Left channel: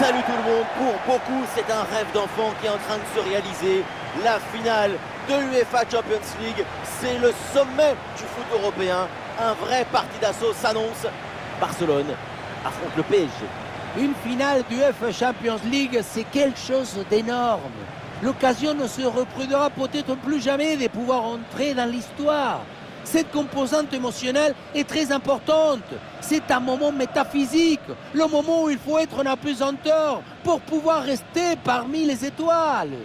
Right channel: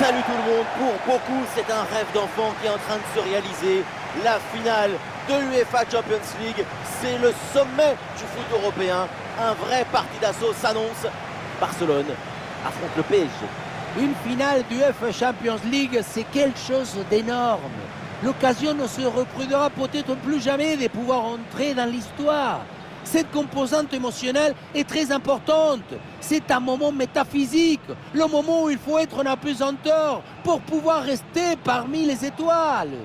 Salut tout le monde, pour beaucoup c'est un rêve d'enfant qui est en train de se réaliser. La finale de l'UEFA Champions League, c'est le sommet du foot européen. Un vrai parti d'assaut s'annonce. Barcelone affronte le PSG. Une finale d'UEFA Champions League, c'est quelque chose d'énorme. L'occasion ne se reproduira peut-être plus jamais de pouvoir entrer dans l'histoire. Cette composante émotionnelle est très importante. C'est un moment métaphysique, le moment où il faut être en apesanteur pour pouvoir rester parmi les étoiles.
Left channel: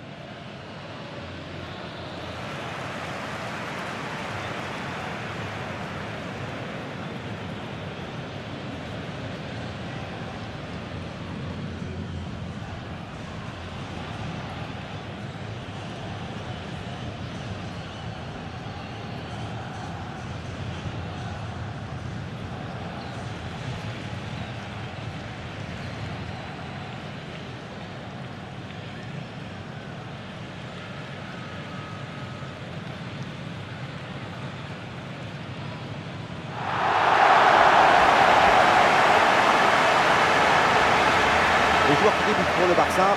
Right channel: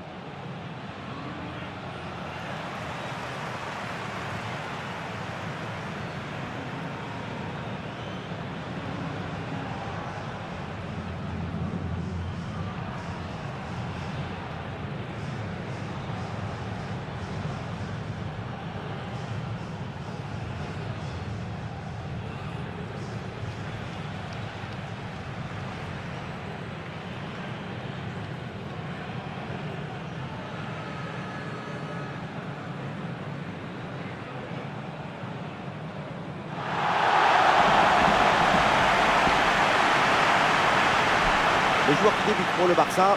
Les joueurs qui débutent pour le Barça.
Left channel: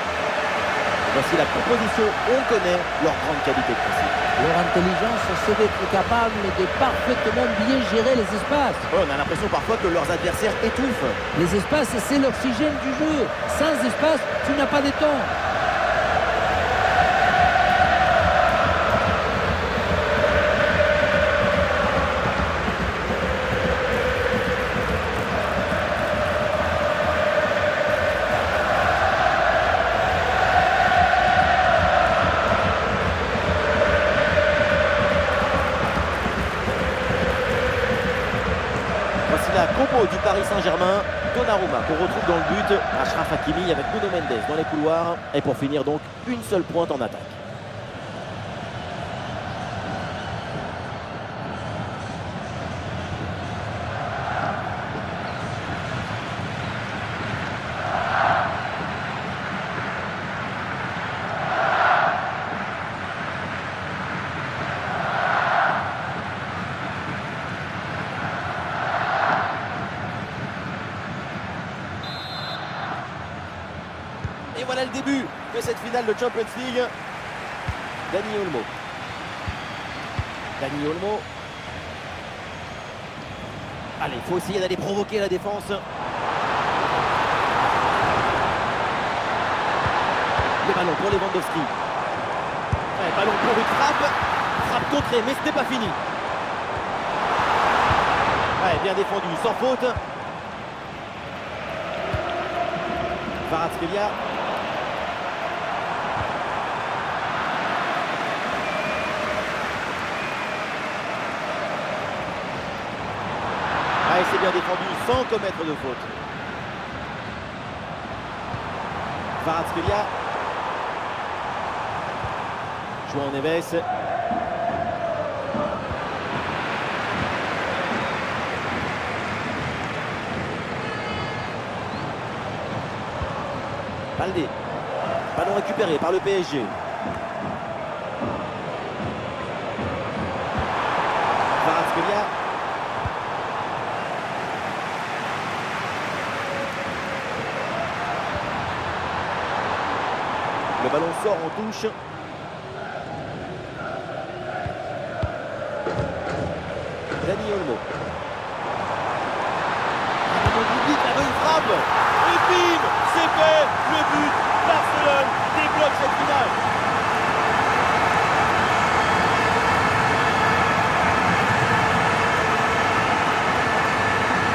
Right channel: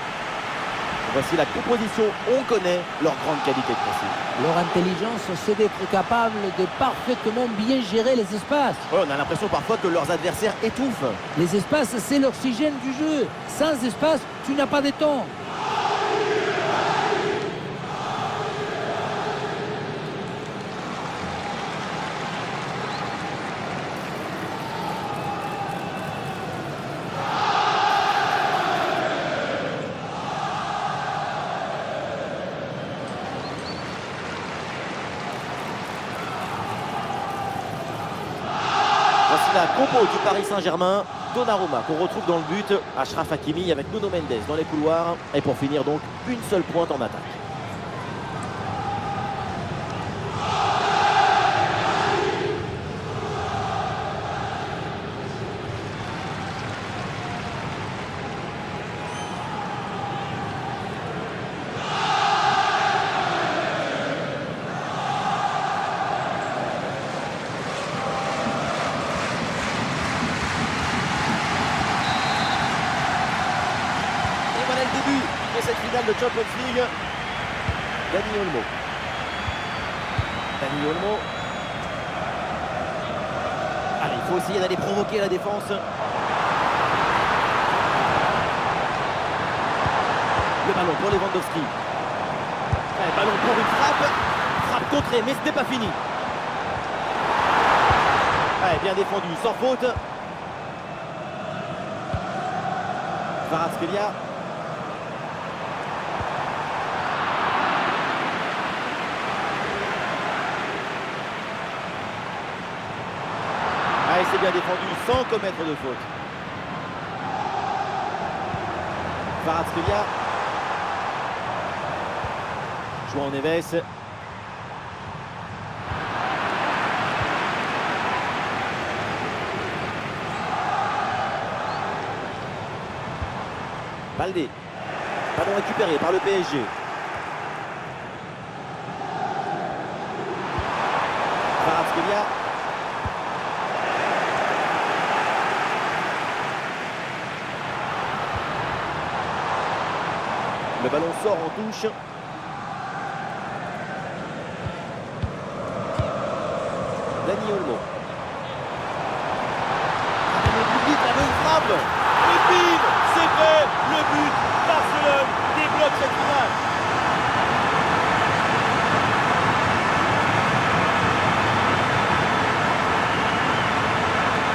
Voici la composition, on connaît leur grande qualité de principe. Leur intelligence, c'est d'être capable de parfaitement bien gérer les espaces. On a l'impression parfois que leurs adversaires étouffent. Les espaces, c'est l'oxygène du jeu. Sans espace, tu n'as pas de temps. Voici la compo du Paris Saint-Germain. Donnarumma qu'on retrouve dans le but. Achraf Hakimi avec Nuno Mendes dans les couloirs. Et pour finir donc, une seule pointe en attaque. Et voilà le début de cette finale de Champions League. Dani Olmo. Dani Olmo. Allez, il faut essayer d'aller provoquer la défense. Le ballon pour Lewandowski. Ouais, ballon pour une frappe. Frappe contrée, mais ce n'est pas fini. Ouais, bien défendu, sans faute. Kvaratskhelia. Ah, et c'est bien défendu sans commettre de faute. Kvaratskhelia. João Neves. Baldé. Ballon récupéré par le PSG. Kvaratskhelia. Le ballon sort en touche. Dani Olmo. Ah, mais le public avait une frappe. Et bim, c'est fait. Le but. Barcelone débloque cette finale.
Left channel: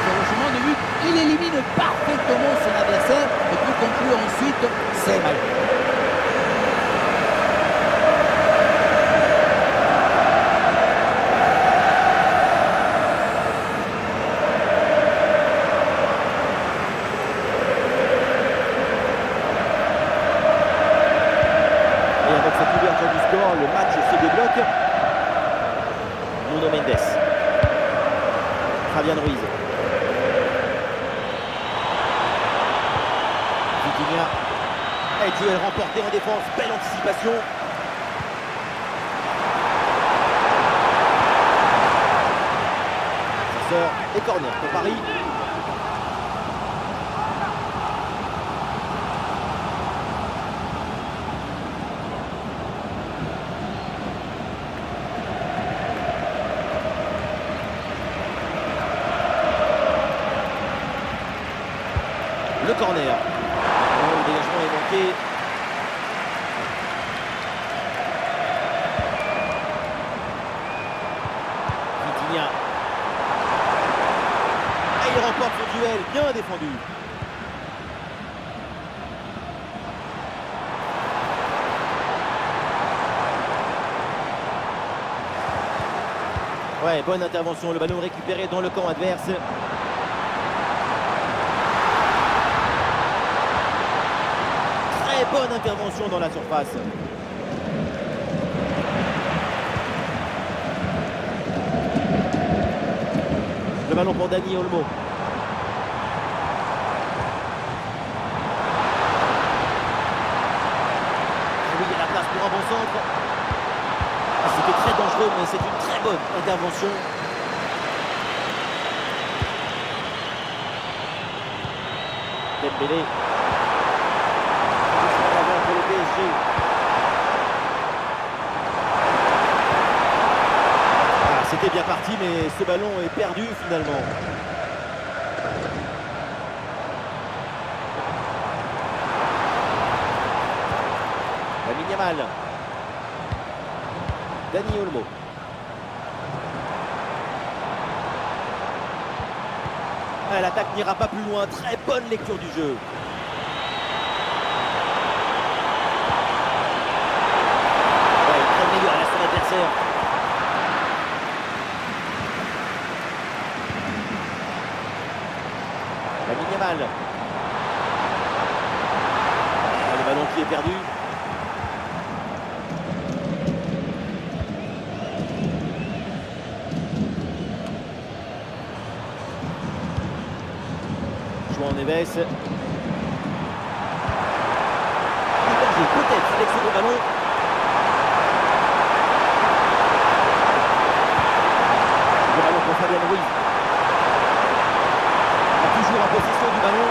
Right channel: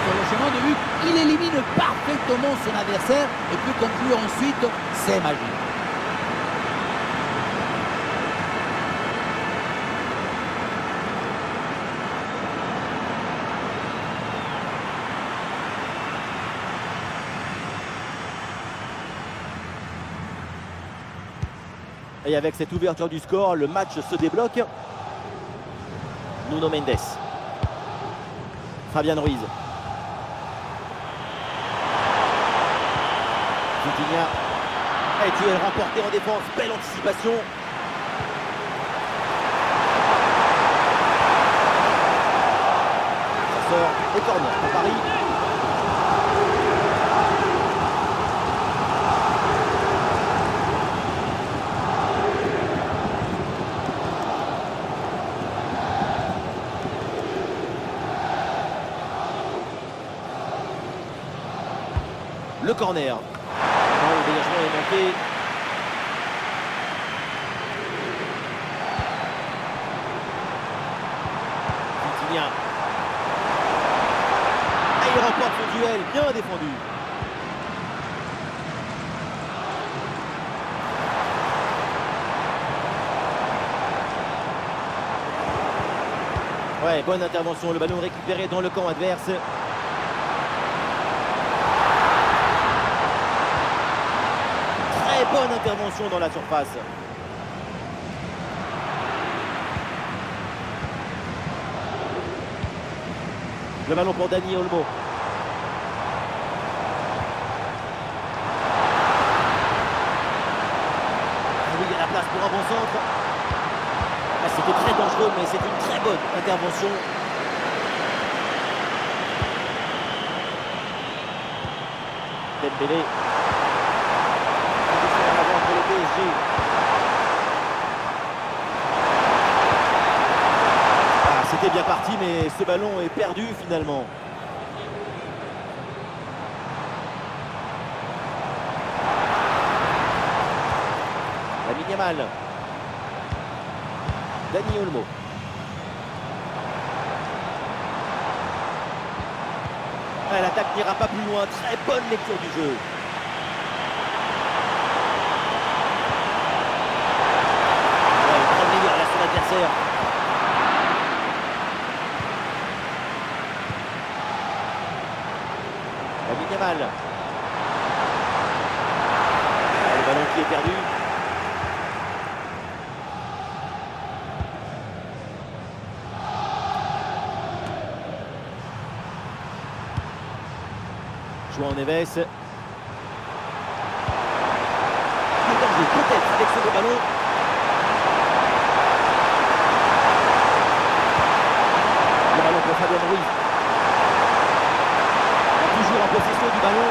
Sur le chemin de but, il élimine parfaitement son adversaire et peut conclure ensuite ses magiques. Et avec cette ouverture du score, le match se débloque. Nuno Mendes. Fabian Ruiz. Vitinha. Et duel remporté en défense. Belle anticipation. Ça sort. Et corner pour Paris. Le corner. Non, le dégagement est manqué. Vitinha. Et il remporte son duel, bien défendu. Ouais, bonne intervention, le ballon récupéré dans le camp adverse. Très bonne intervention dans la surface. Le ballon pour Dani Olmo. Ah oui, il y a la place pour un bon centre. Ah, c'était très dangereux, mais c'est une très bonne intervention. Dembélé. Position en avant pour le PSG. Ah, c'était bien parti, mais ce ballon est perdu finalement. Lamine Yamal. Dani Olmo. Ah, l'attaque n'ira pas plus loin. Très bonne lecture du jeu. Ouais, il prend le meilleur à son adversaire. Lamine Yamal. Ah, le ballon qui est perdu. João Neves. Le danger peut-être avec ce gros ballon. Le ballon pour Fabian Ruiz. Toujours en possession du ballon.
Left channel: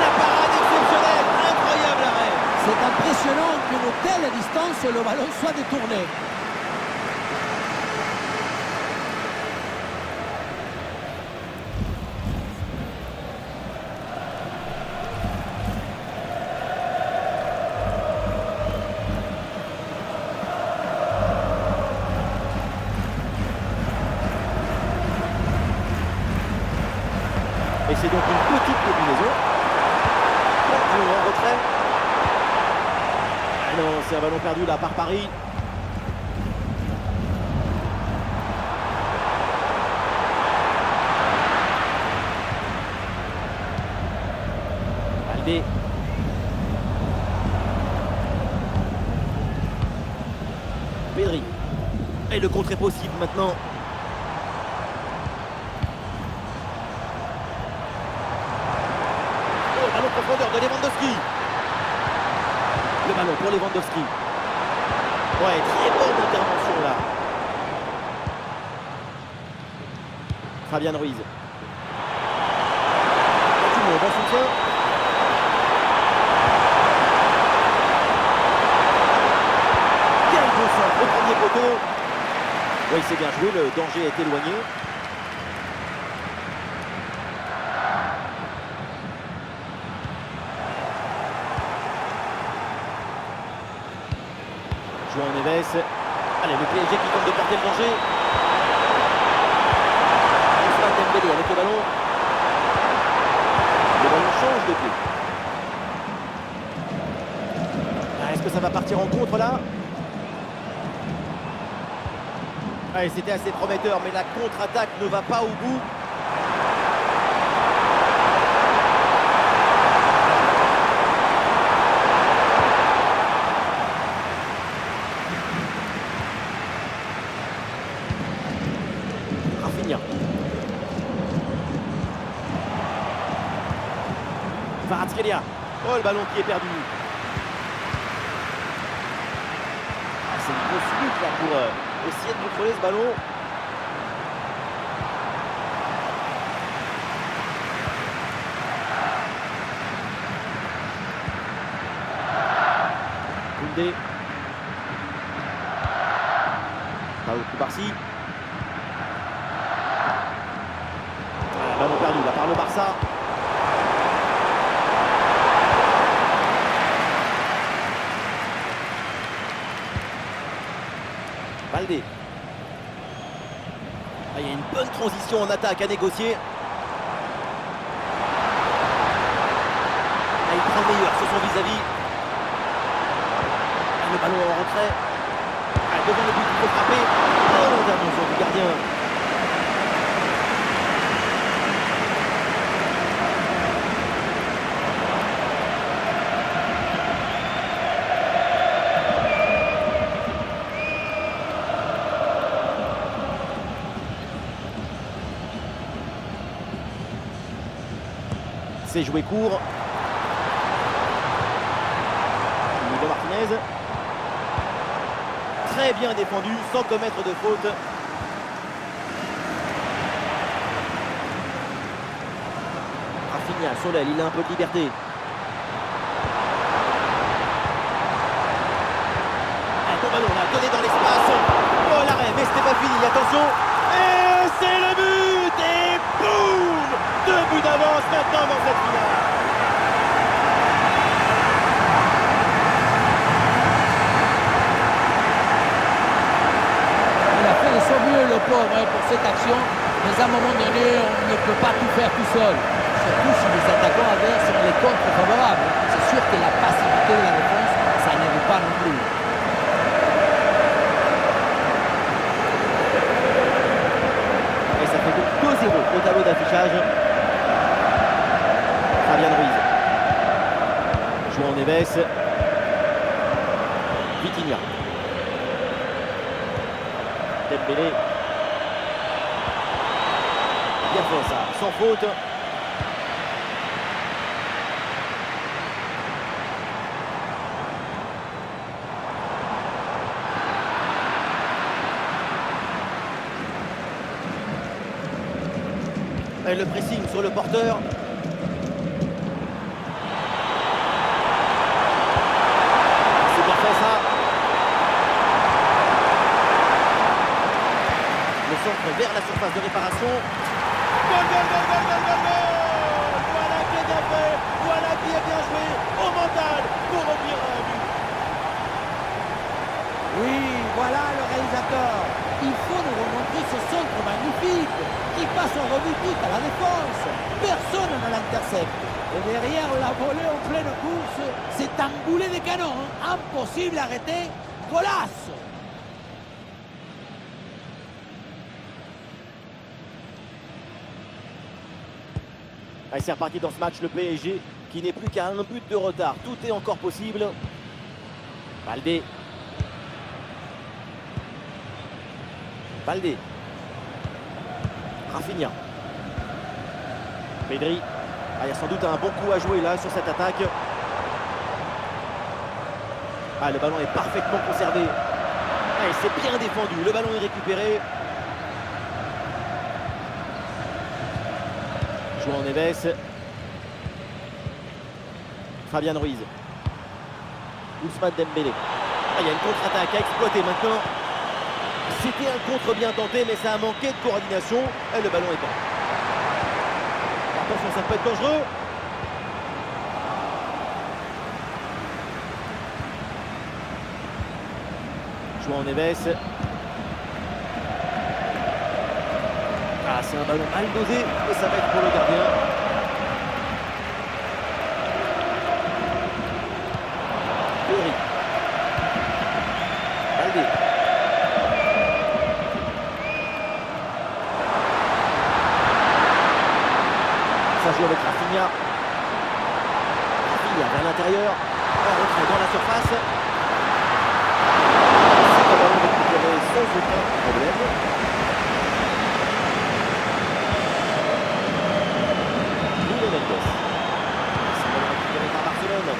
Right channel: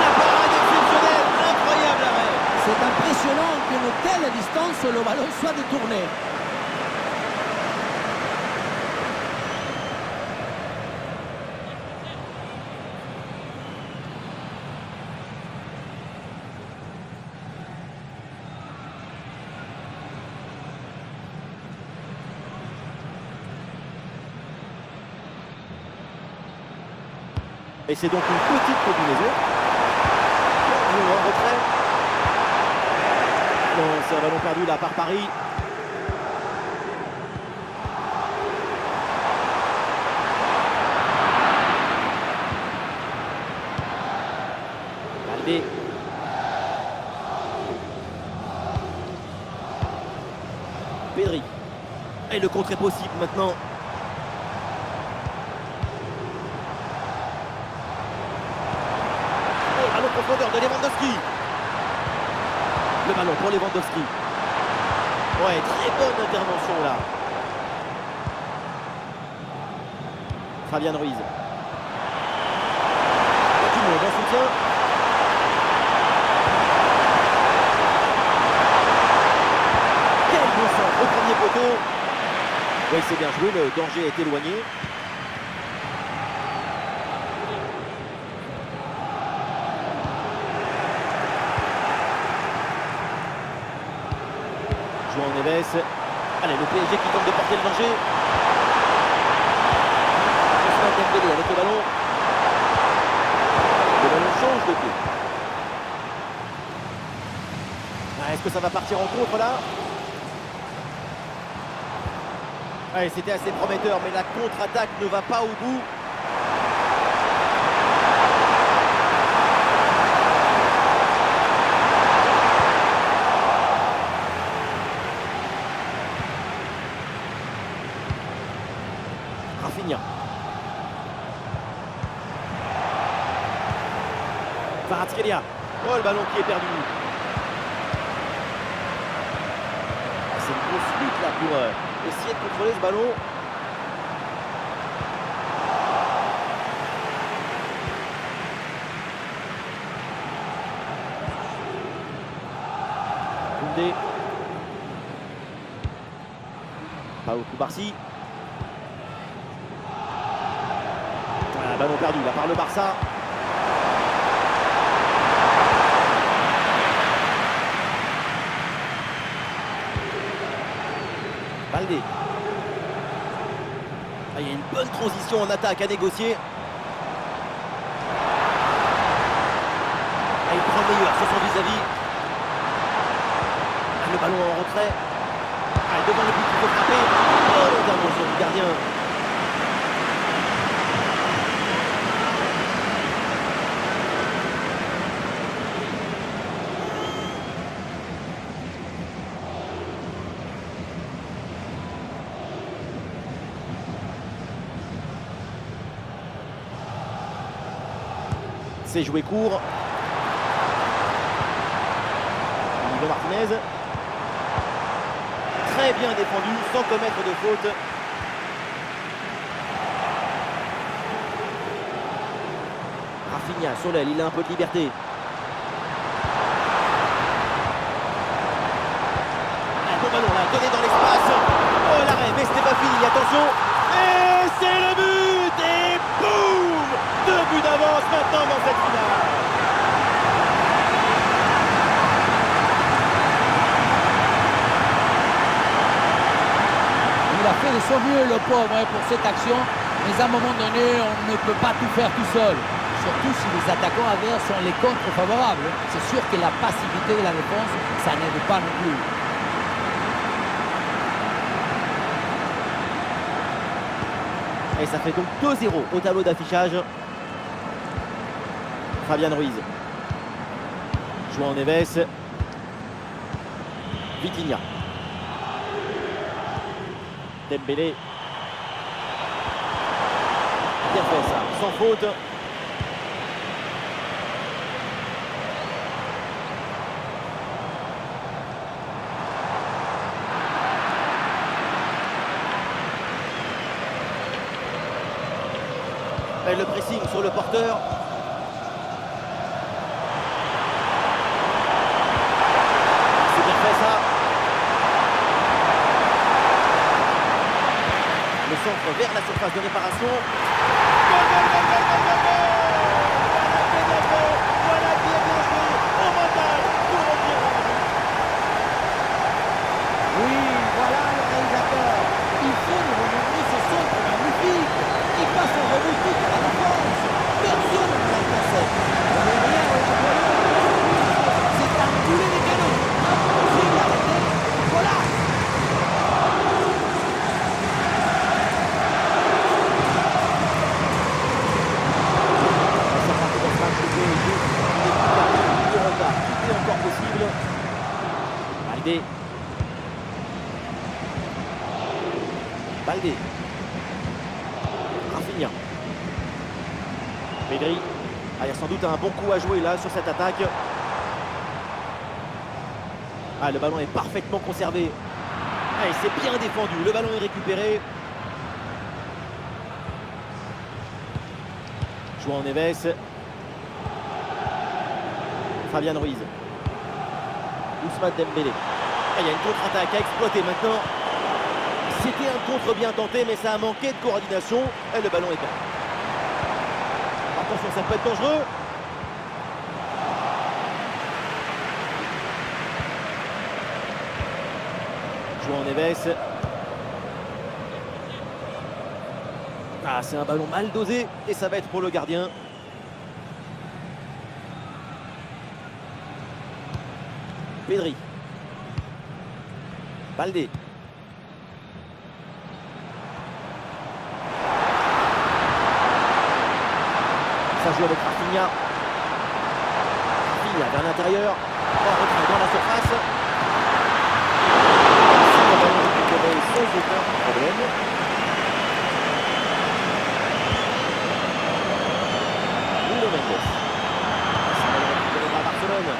La parade exceptionnelle, incroyable arrêt. C'est impressionnant qu'une telle distance, le ballon soit détourné. Et c'est donc une petite combinaison. Bon, en retrait. Ah non, c'est un ballon perdu là par Paris. Baldé. Pedri. Et le contre est possible maintenant. Ballon profondeur de Lewandowski. Le ballon pour Lewandowski. Ouais, très bonne intervention là. Fabian Ruiz. Il y a tout le monde en soutien. Quel beau centre au premier poteau. Oui, c'est bien joué, le danger est éloigné. João Neves. Allez, le PSG qui tente de porter le danger. Ousmane Dembélé avec le ballon. Le ballon change de pied. Ah, est-ce que ça va partir en contre là? Allez, c'était assez prometteur, mais la contre-attaque ne va pas au bout. Rafinha. Kvaratskhelia. Oh, le ballon qui est perdu. Ah, c'est une grosse lutte là pour essayer de contrôler ce ballon. Koundé. Pau Cubarsí. Voilà, ballon perdu là par le Barça. Baldé. Ah, il y a une bonne transition en attaque à négocier. Ah, il prend le meilleur sur son vis-à-vis. Ah, le ballon en retrait. Ah, devant le but, il faut frapper. Bonne intervention du gardien. C'est joué court. Nico Martinez. Très bien défendu, sans commettre de faute. Rafinha sur l'aile, il a un peu de liberté. Un bon ballon là, donné dans l'espace. Oh l'arrêt, mais c'était pas fini, attention. Et c'est le but. Et boum, 2 buts d'avance maintenant dans cette finale. Il a fait de son mieux, le pauvre, pour cette action. Mais à un moment donné, on ne peut pas tout faire tout seul. Surtout si les attaquants adverses sont les contre favorables. C'est sûr que la passivité de la défense, ça n'aide pas non plus. Et ça fait donc 2-0 au tableau d'affichage. Fabian Ruiz. João Neves. Vitinha. Dembélé. Bien fait ça, sans faute. Et le pressing sur le porteur. C'est bien fait ça. Le centre vers la surface de réparation. Goal, goal, goal, goal, goal, goal, goal. Voilà qui est bien fait. Voilà qui est bien joué au mental pour revenir dans le but. Oui, voilà le réalisateur. Il faut nous remontrer ce centre magnifique qui passe en revue toute à la défense. Personne ne l'intercepte. Et derrière, la volée en pleine course. C'est un boulet de canon. Impossible à arrêter. Golasse. C'est reparti dans ce match, le PSG qui n'est plus qu'à 1 minute de retard. Tout est encore possible. Baldé. Baldé. Rafinha. Pedri. Ah, il y a sans doute un bon coup à jouer là sur cette attaque. Ah, le ballon est parfaitement conservé. Ah, et c'est bien défendu. Le ballon est récupéré. João Neves. Fabian Ruiz. Ousmane Dembélé. Ah, il y a une contre-attaque à exploiter maintenant. C'était un contre bien tenté, mais ça a manqué de coordination. Et le ballon est perdu. Attention, ça peut être dangereux. João Neves. Ah, c'est un ballon mal dosé et ça va être pour le gardien. Pedri. Baldé. Ça joue avec Rafinha. Rafinha vers l'intérieur. En retrait dans la surface. C'est un ballon récupéré sans aucun problème. Nuno Mendes. C'est un ballon récupéré par Barcelone.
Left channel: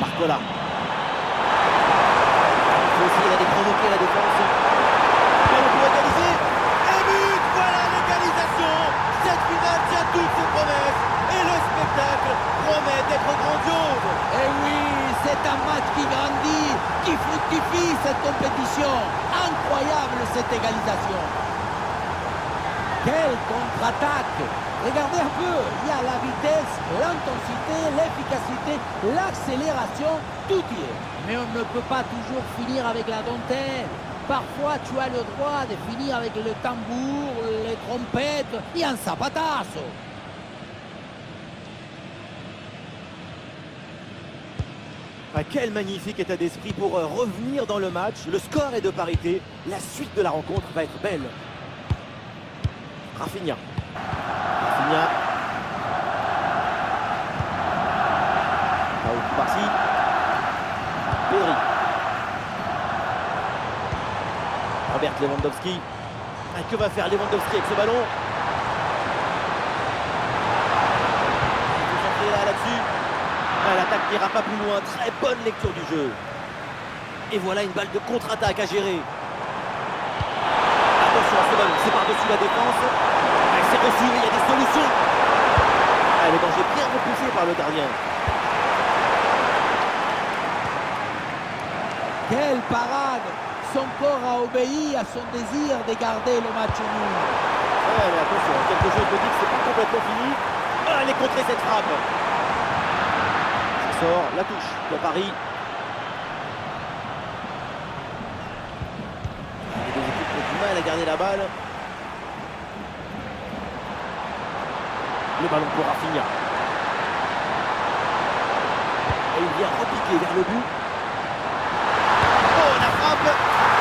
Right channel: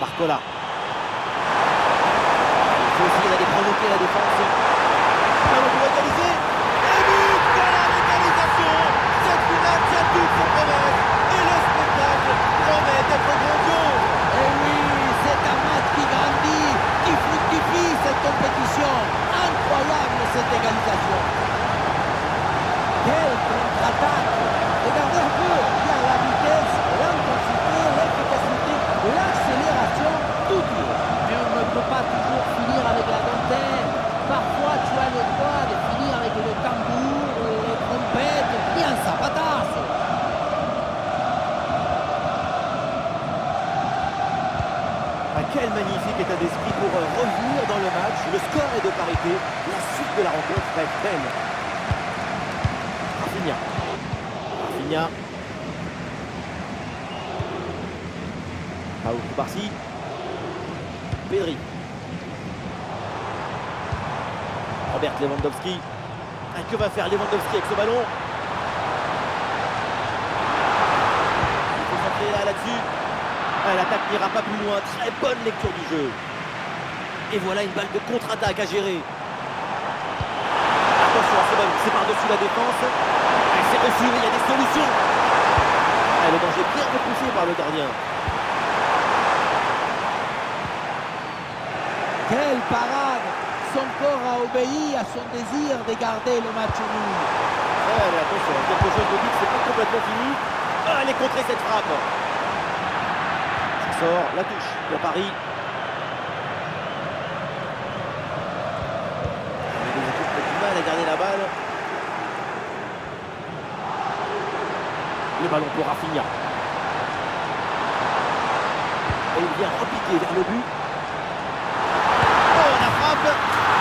Barcola. Il faut essayer d'aller provoquer la défense. Ballon pour égaliser. Et but. Voilà l'égalisation. Cette finale tient toutes ses promesses. Et le spectacle promet d'être grandiose. Et oui, c'est un match qui grandit, qui fructifie cette compétition. Incroyable cette égalisation. Quelle contre-attaque! Regardez un peu, il y a la vitesse, l'intensité, l'efficacité, l'accélération, tout y est. Mais on ne peut pas toujours finir avec la dentelle. Parfois, tu as le droit de finir avec le tambour, les trompettes et un zapatazo. Ah, quel magnifique état d'esprit pour revenir dans le match. Le score est de parité. La suite de la rencontre va être belle. Rafinha. Rafinha. Paul Koubarsi. Pedri. Robert Lewandowski. Ah, que va faire Lewandowski avec ce ballon? Il faut s'entrer là-dessus. Ah, l'attaque n'ira pas plus loin. Très bonne lecture du jeu. Et voilà une balle de contre-attaque à gérer. Attention à ce ballon, c'est par-dessus la défense. Ah, c'est reçu, il y a des solutions. Ah, le danger bien repoussé par le gardien. Quelle parade! Son corps a obéi à son désir de garder le match nul. Ouais, mais attention, quelque chose me dit que c'est pas complètement fini. Ah, elle est contrée cette frappe. Ça sort, la touche pour Paris. Les deux équipes ont du mal à garder la balle. Le ballon pour Rafinha. Et il vient repiquer vers le but. Oh, la frappe!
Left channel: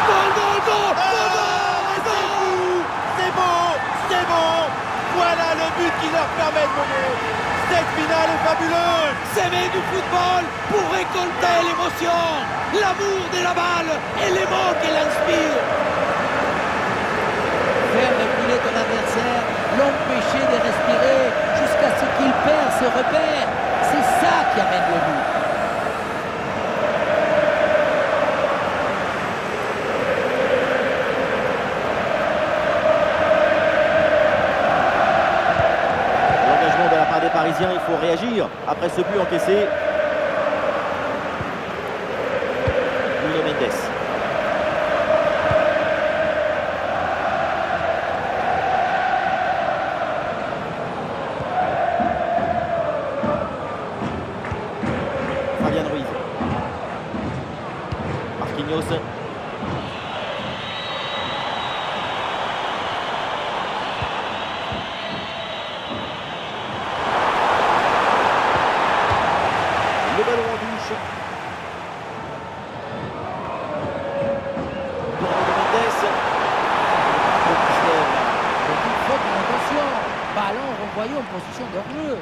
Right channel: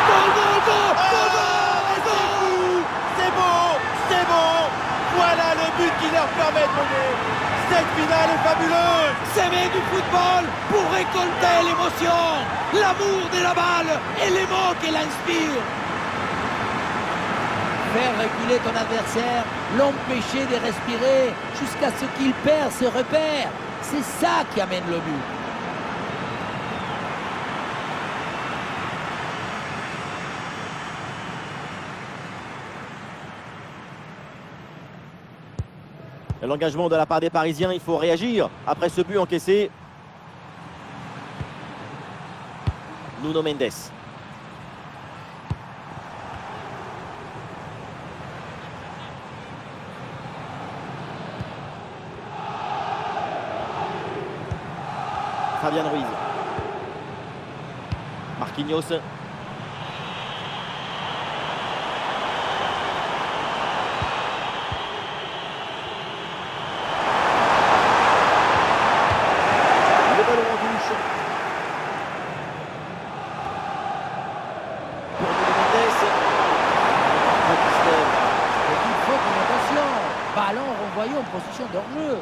Goal, goal, goal! Goal, Oh, goal, c'est goal! fou! C'est beau! C'est bon! Voilà le but qui leur permet de mener. Cette finale est fabuleuse! S'aimer du football pour récolter l'émotion, l'amour de la balle et les mots qu'elle inspire. Faire reculer ton adversaire, l'empêcher de respirer jusqu'à ce qu'il perd ses repères, c'est ça qui amène le but. L'engagement de la part des Parisiens, il faut réagir après ce but encaissé. Nuno Mendes. Fabian Ruiz. Marquinhos. Le ballon en touche. Pour Nuno Mendes. Le qui se lève là. Petite faute d'inattention. Ballon renvoyé en position de hors-jeu.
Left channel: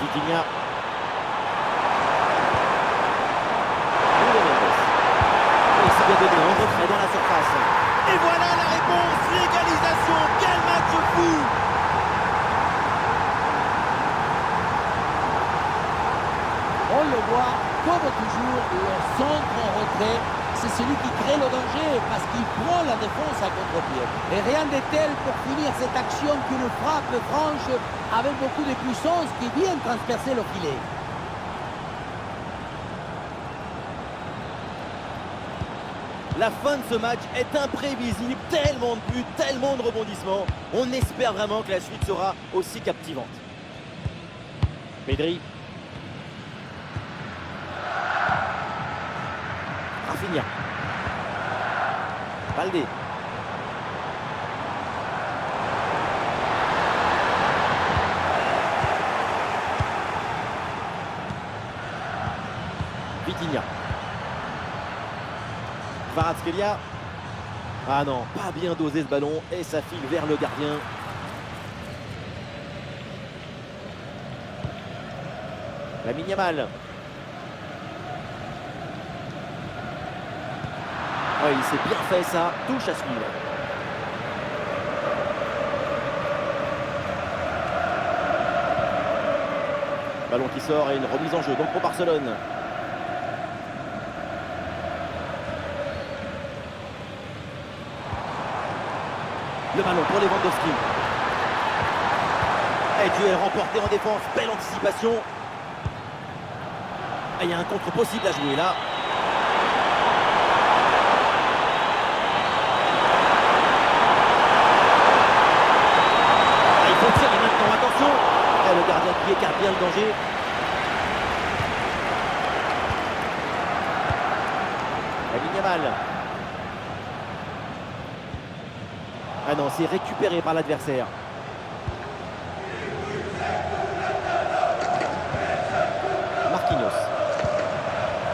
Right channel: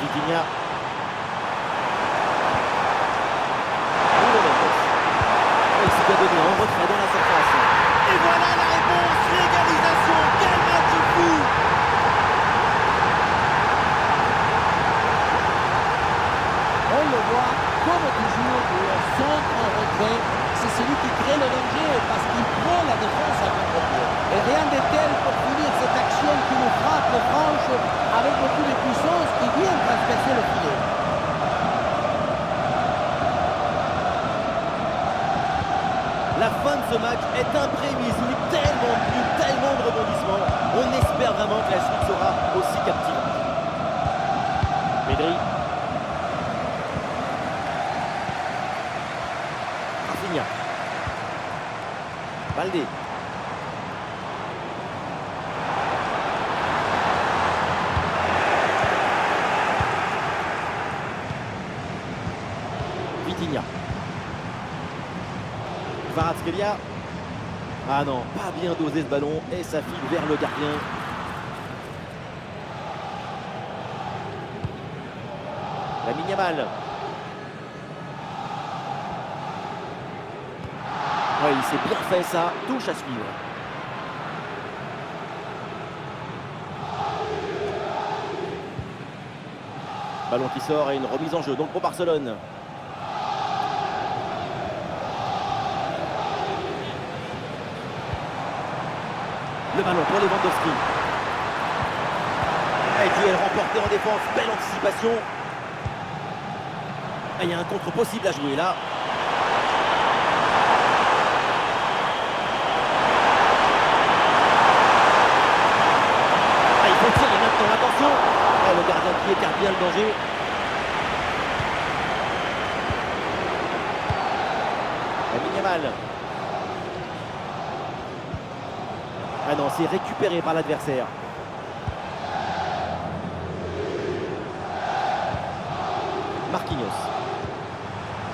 Vitinha. Nuno Mendes. Il s'est bien donné en retrait dans la surface. Et voilà la réponse, l'égalisation. Quel match fou! On le voit, comme toujours, le centre en retrait, c'est celui qui crée le danger parce qu'il prend la défense à contre-pied. Et rien de tel pour finir cette action qu'une frappe franche avec beaucoup de puissance qui vient transpercer le filet. La fin de ce match est imprévisible, tellement de buts, tellement de rebondissements. On espère vraiment que la suite sera aussi captivante. Pedri. Rafinha. Baldé. Vitinha. Kvaratskhelia. Ah non, pas bien dosé ce ballon et ça file vers le gardien. Lamine Yamal. Ouais, il s'est bien fait ça, touche à suivre. Ballon qui sort et une remise en jeu donc pour Barcelone. Le ballon pour Lewandowski. Et duel remporté en défense, belle anticipation. Et il y a un contre possible à jouer là. Ah, il faut tirer maintenant, attention. Et le gardien qui écarte bien le danger. Lamine Yamal. Ah non, c'est récupéré par l'adversaire. Marquinhos.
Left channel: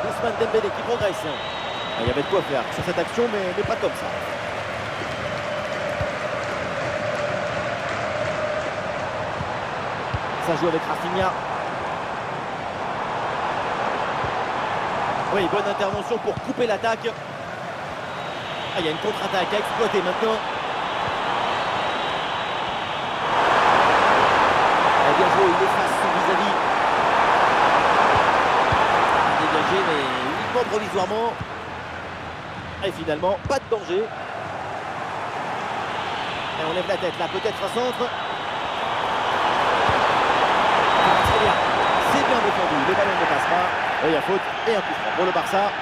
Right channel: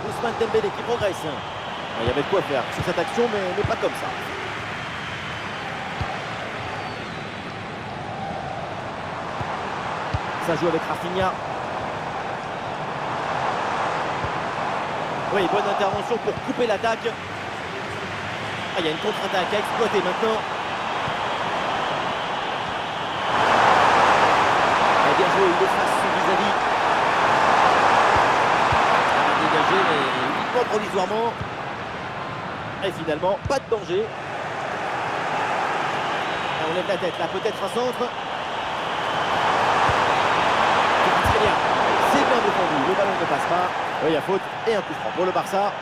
Ousmane Dembélé qui progresse. Il y avait de quoi faire sur cette action, mais pas comme ça. Ça joue avec Rafinha. Oui, bonne intervention pour couper l'attaque. Ah, il y a une contre-attaque à exploiter maintenant. Ah, bien joué, il efface son vis-à-vis. Dégagé, mais uniquement provisoirement. Et finalement, pas de danger. Et on lève la tête là, peut-être un centre. Très bien, c'est bien défendu, le ballon ne passe pas. Il y a faute et un coup franc pour le Barça.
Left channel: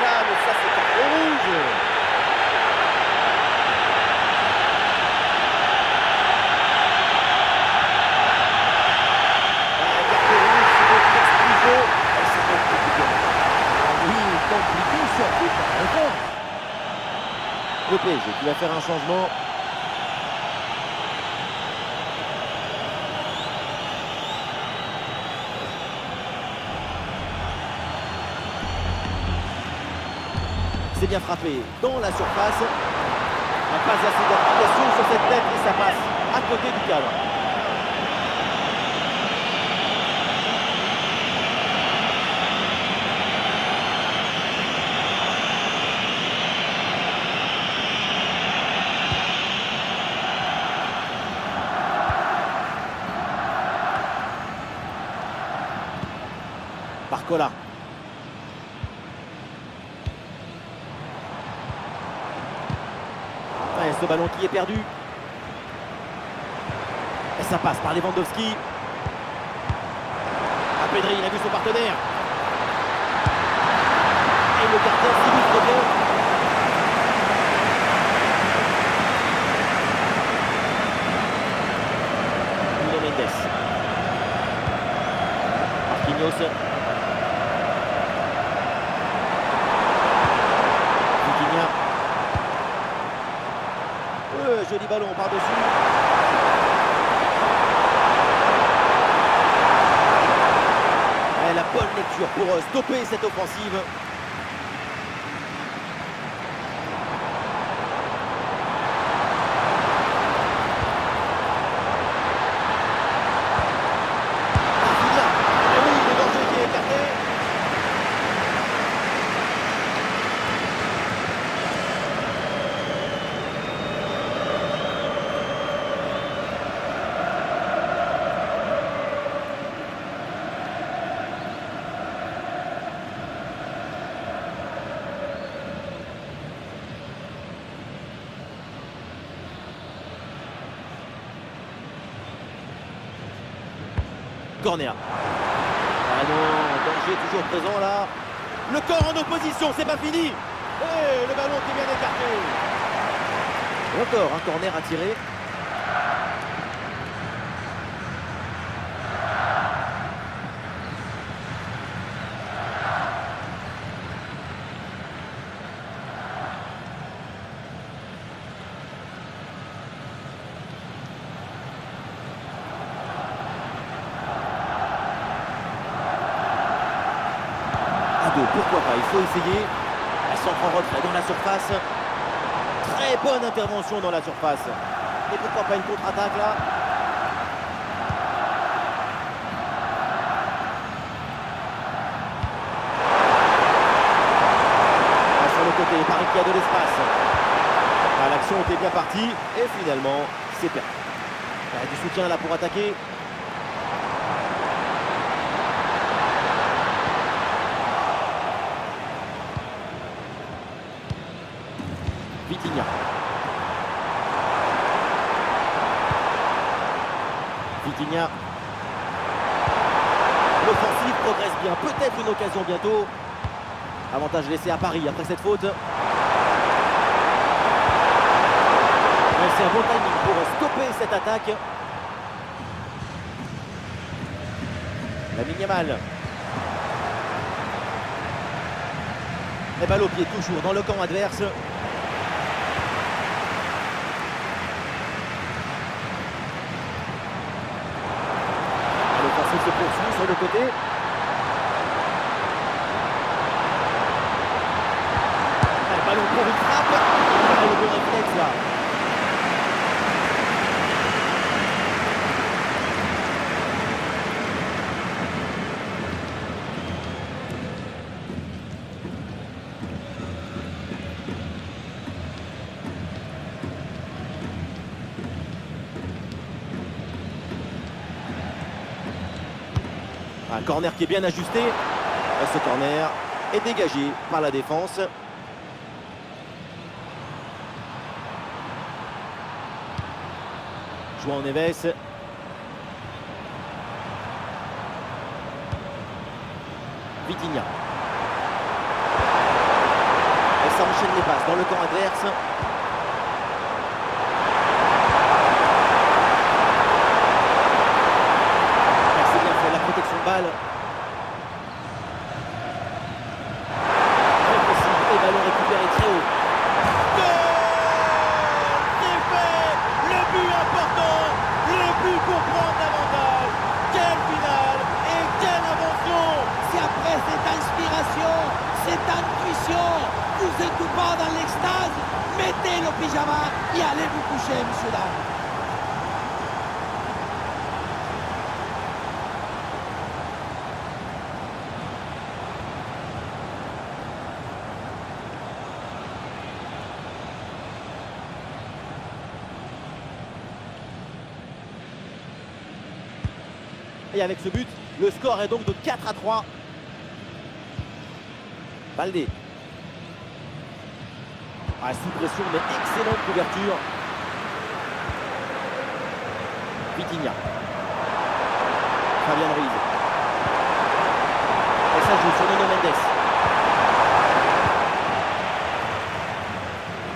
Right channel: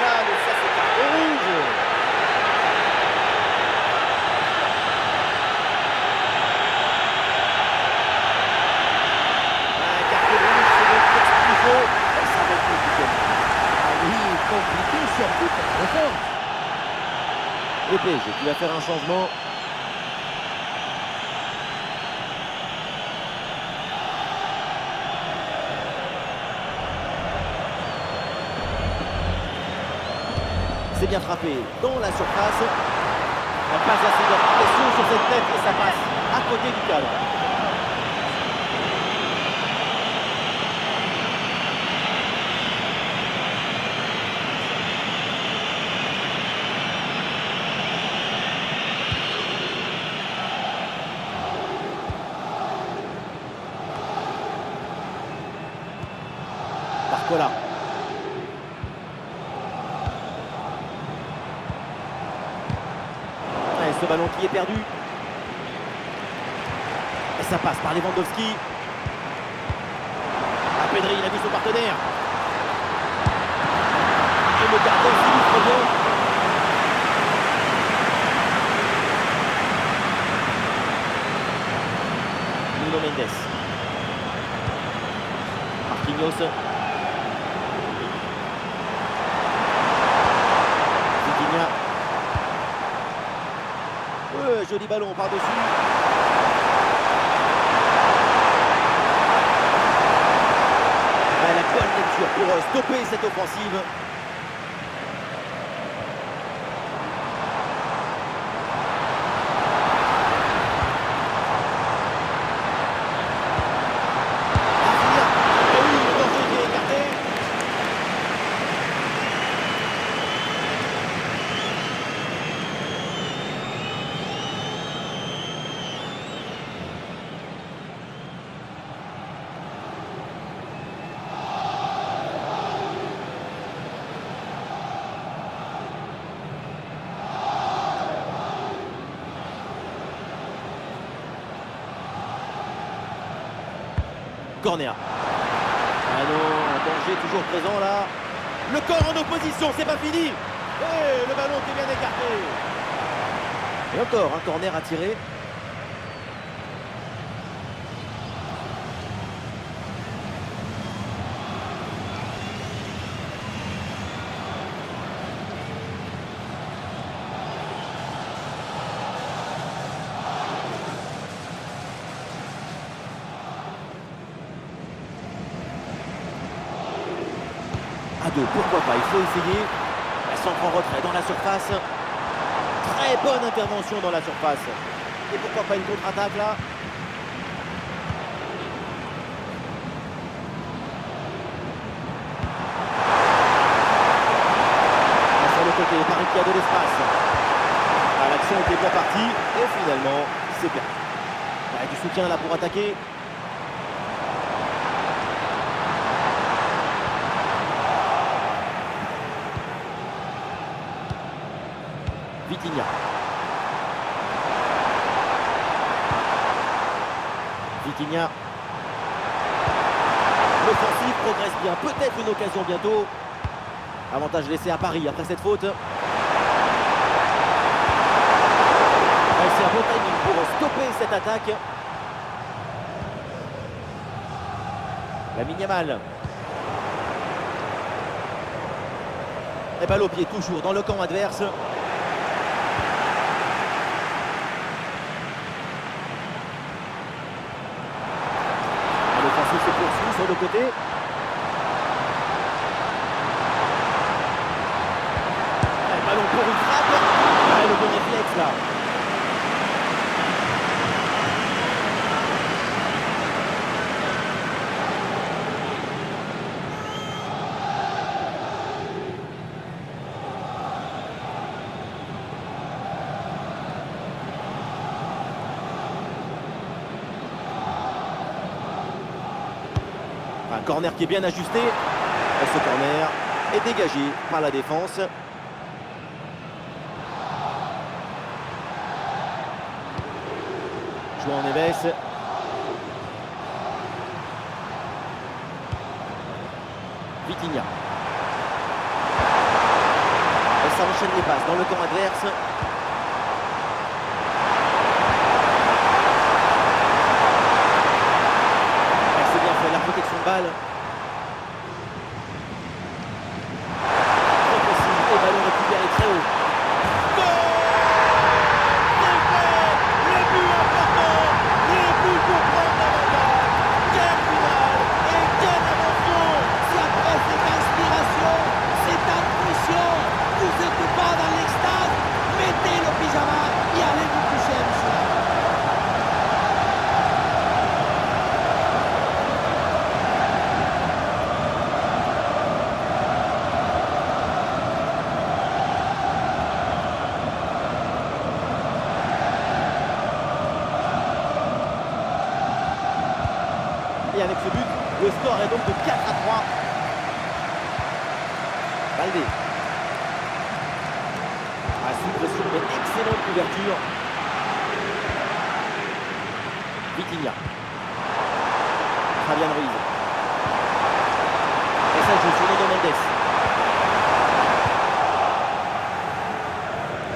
Là, mais ça c'est carton rouge. Carton rouge, c'est donc une expulsion. Et ça va être compliqué. Ah oui, compliqué surtout pour la défense. Le PSG qui va faire un changement. C'est bien frappé dans la surface. Pas assez d'application sur cette tête et ça passe à côté du cadre. Barcola. Et ce ballon qui est perdu. Et ça passe par Lewandowski. Ah, Pedri, il a vu son partenaire. Et le gardien s'illustre bien. Nuno Mendes. Marquinhos. Vitinha. Joli ballon par-dessus. La bonne lecture pour stopper cette offensive. Rafinha. Et oui, le danger qui est écarté. Corner. Ah non, danger toujours présent là. Le corps en opposition, c'est pas fini. Et le ballon qui est bien écarté. Et encore un corner à tirer. À deux, pourquoi pas, il faut essayer. Elle s'entre en retrait dans la surface. Très bonne intervention dans la surface. Et pourquoi pas une contre-attaque là. côté, Paris qui a de l'espace. Ah, l'action était bien partie et finalement, c'est perdu. Il y a du soutien là pour attaquer. Vitinha. Vitinha. L'offensive progresse bien. Peut-être une occasion bientôt. Avantage laissé à Paris après cette faute. Ouais, c'est un bon timing pour stopper cette attaque. Lamine Yamal. Et balle au pied toujours dans le camp adverse. L'offensive se poursuit sur le côté. Et ballon pour une frappe. Et le bon réflexe là. Un corner qui est bien ajusté. Et ce corner est dégagé par la défense. João Neves. Vitinha. Et ça enchaîne les passes dans le camp adverse. La protection de balle. Très précis et ballon récupéré très haut. Goal! C'est fait! Le but important, le but pour prendre l'avantage. Quelle finale et quelle invention! Si après cette inspiration, cette intuition, vous n'êtes pas dans l'extase, mettez le pyjama et allez vous coucher, monsieur là. Et avec ce but, le score est donc de 4-3. Baldé. Ah, sous pression, mais excellente couverture. Vitinha. Fabian Ruiz. Et ça joue sur Nuno Mendes.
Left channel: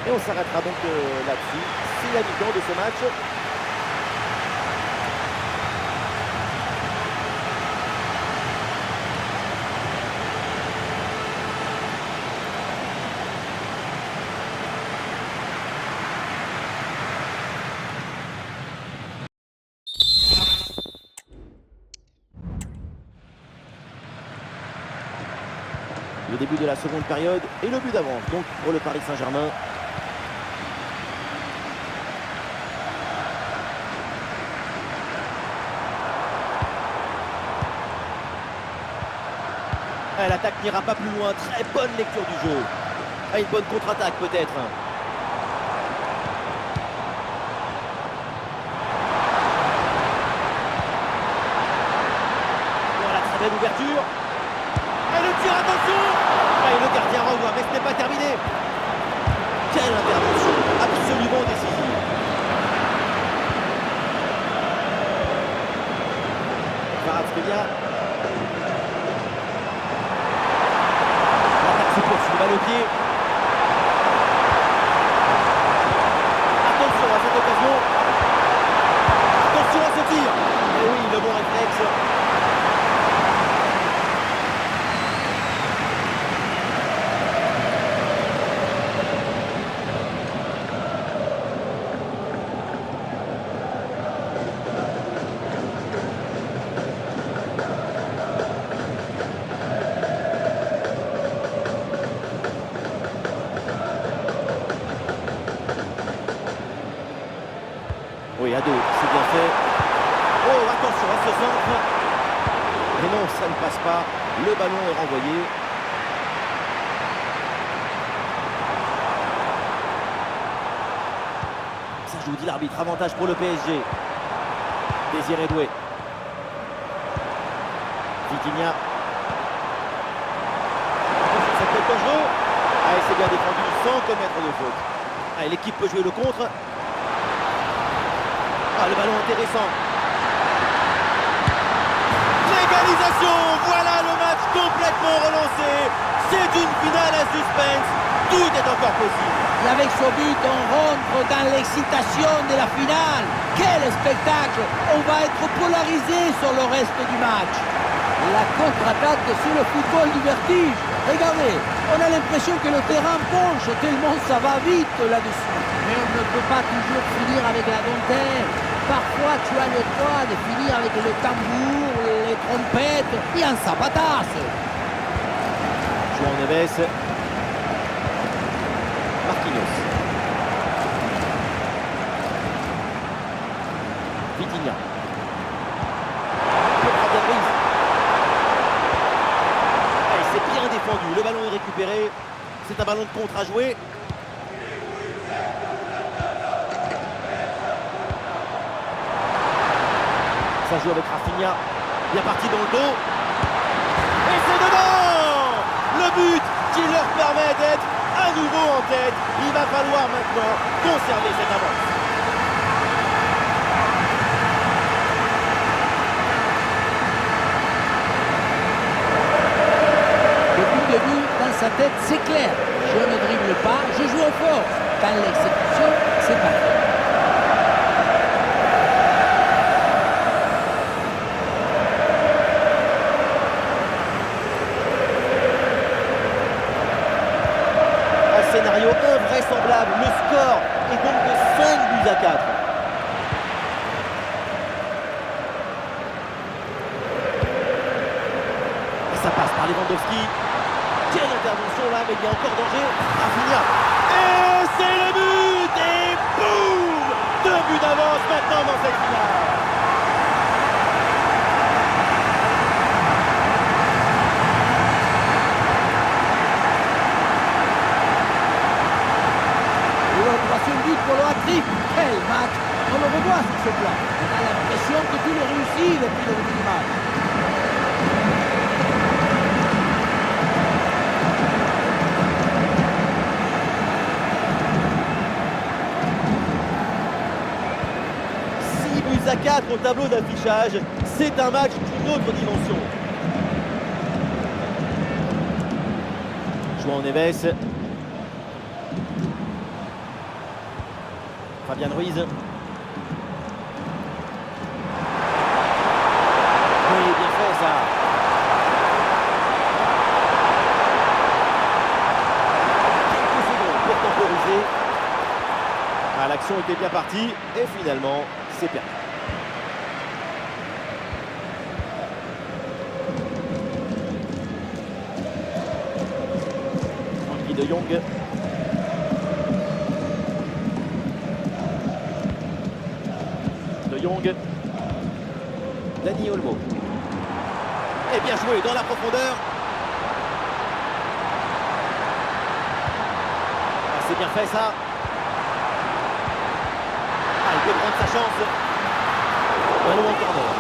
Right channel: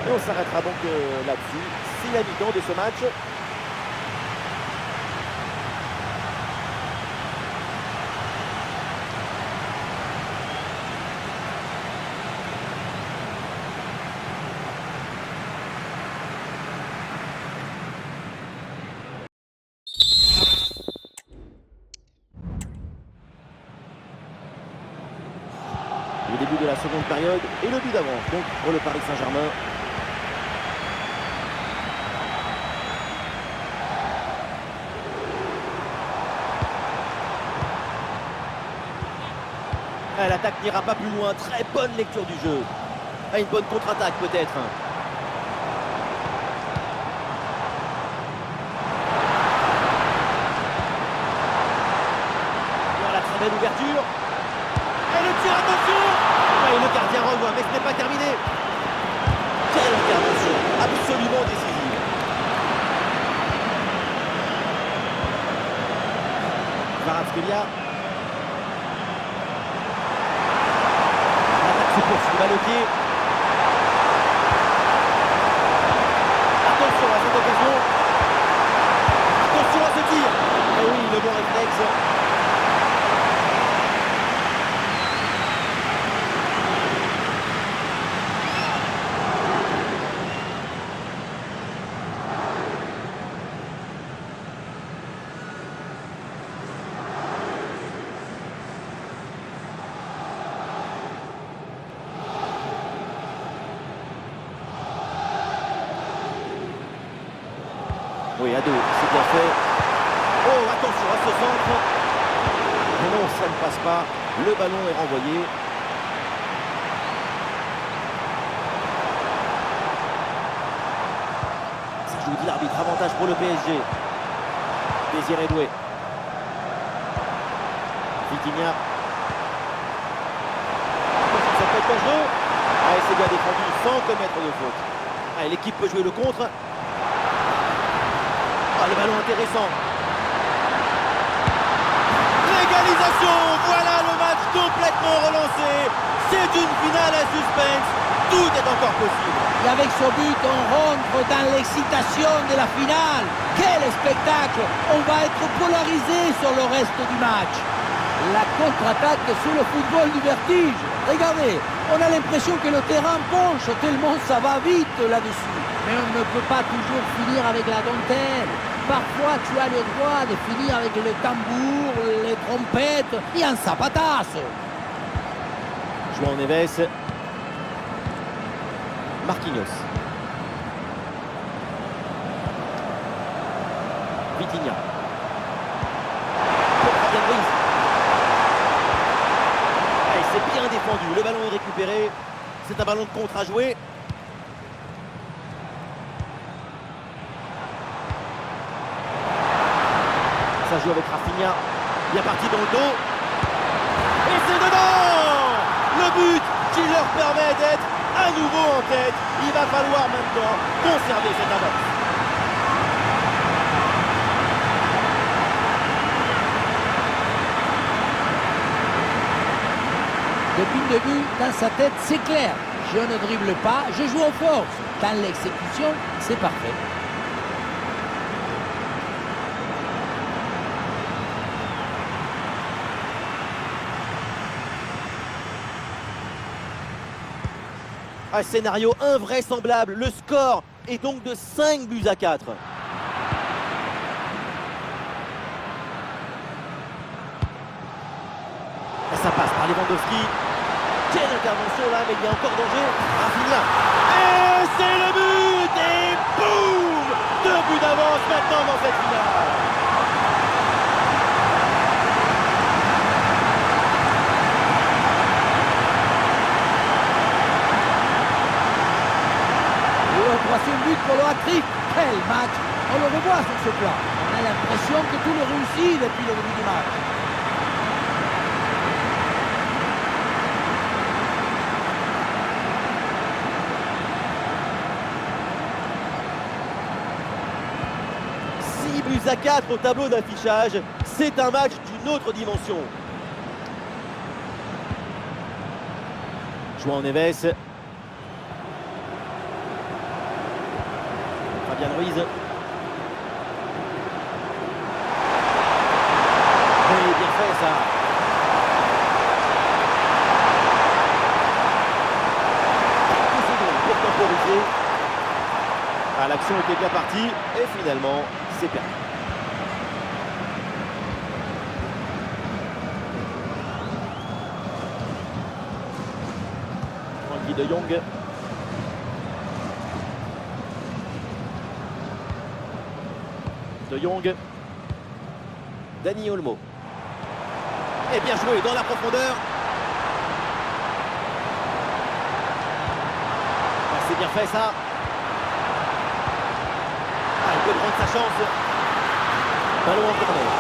Et on s'arrêtera donc là-dessus. C'est la mi-temps de ce match. Le début de la seconde période et le but d'avance donc pour le Paris Saint-Germain. L'attaque n'ira pas plus loin, très bonne lecture du jeu. Une bonne contre-attaque peut-être. Voilà, très belle ouverture. Et le tir, attention! Et le gardien revoit, mais ce n'est pas terminé. Quelle intervention, absolument décisive. Kvaratskhelia. L'attaque se poursuit, balle au pied. Attention à cette occasion. Attention à ce tir. Et oui, le bon réflexe. Oui, à deux, c'est bien fait. Oh, attention à ce centre. Mais non, ça ne passe pas. Le ballon est renvoyé. rejoue, dit l'arbitre. Avantage pour le PSG. Désiré Doué. Vitinha. Ça peut être dangereux. Ah, et c'est bien défendu sans commettre de faute. Ah, l'équipe peut jouer le contre. Ah, le ballon intéressant. L'égalisation. Voilà le match complètement relancé. C'est une finale à suspense. Tout est encore possible. Et avec ce but, on rentre dans l'excitation de la finale. Quel spectacle! On va être polarisé sur le reste du match. La contre-attaque sur le football du vertige. Regardez, on a l'impression que le terrain penche tellement ça va vite là-dessus. Mais on ne peut pas toujours finir avec la dentelle. Parfois, tu as le droit de finir avec le tambour, les trompettes et un zapatasse. João Neves. Marquinhos. Vitinha. Pour Fabian Ruiz. Allez, c'est bien défendu. Le ballon est récupéré. C'est un ballon de contre à jouer. Ça joue avec Rafinha. Bien parti dans le dos. Et c'est dedans! Le but qui leur permet d'être à nouveau en tête. Il va falloir maintenant conserver cette avance. Depuis le début, dans sa tête, c'est clair. Je ne dribble pas, je joue en force. Dans l'exécution, c'est parfait. Un scénario invraisemblable. Le score est donc de 5-4. Et ça passe par Lewandowski. Quelle intervention là, mais il y a encore danger. Rafinha. Et c'est le but. Et boum, 2 buts d'avance maintenant dans cette finale. Le troisième but pour le hat-trick. Quel match! On le revoit sur ce plan. On a l'impression que tout le réussit depuis le début du match. Buts à 4 au tableau d'affichage. C'est un match d'une autre dimension. João Neves. Fabian Ruiz. Oui, bien fait ça. Quelques secondes pour temporiser. Ah, l'action était bien partie et finalement, c'est perdu. Frenkie de Jong. De Jong. Dani Olmo. Et bien joué dans la profondeur. Ah, c'est bien fait ça. Ah, il peut prendre sa chance. Ballon en corner.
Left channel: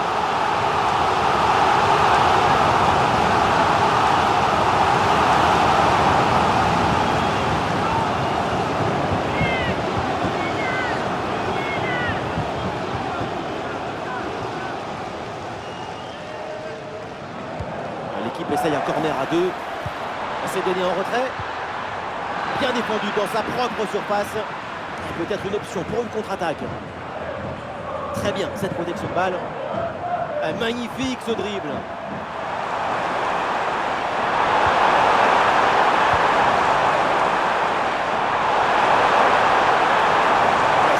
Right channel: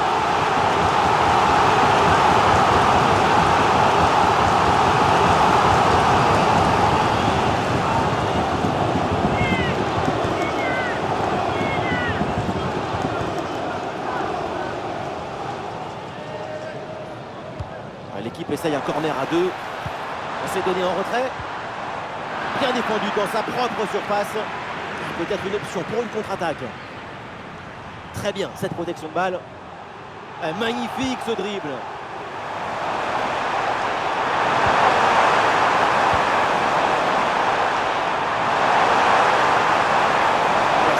L'équipe essaye un corner à 2. C'est donné en retrait. Bien défendu dans sa propre surface. Peut-être une option pour une contre-attaque. Très bien cette protection de balle. Magnifique ce dribble.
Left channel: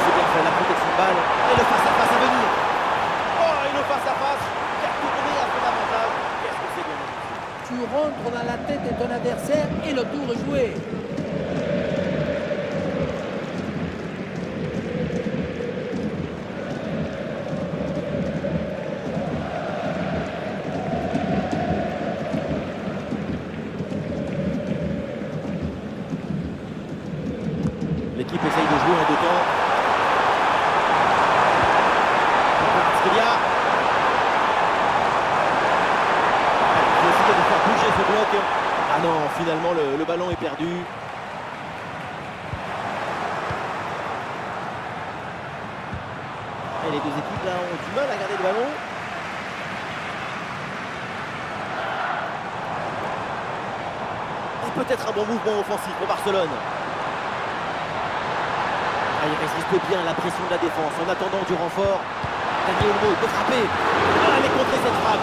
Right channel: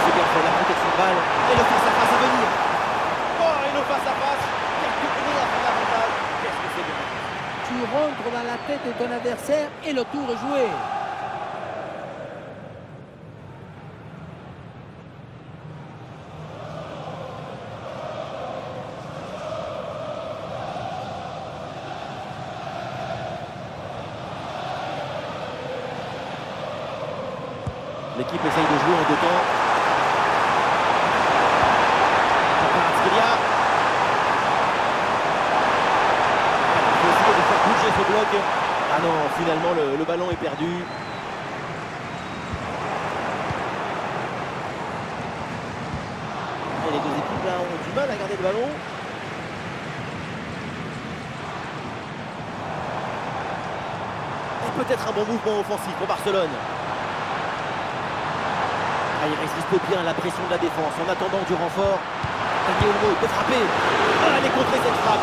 C'est bien fait la protection de balle. Et le face-à-face à venir. Oh, et le face-à-face qui a tourné à son avantage. Qu'est-ce que c'est bien réussi. Tu rentres dans la tête de ton adversaire et le tour est joué. L'équipe essaye de jouer en 2 temps. Kvaratskhelia. Il faut essayer de faire bouger ce bloc. Ah non, finalement le ballon est perdu. Et les deux équipes là ont du mal à garder le ballon. Et peut-être un bon mouvement offensif pour Barcelone. Ah, il résiste bien à la pression de la défense en attendant du renfort. Dani Olmo peut frapper. Ah, elle est contrée cette frappe.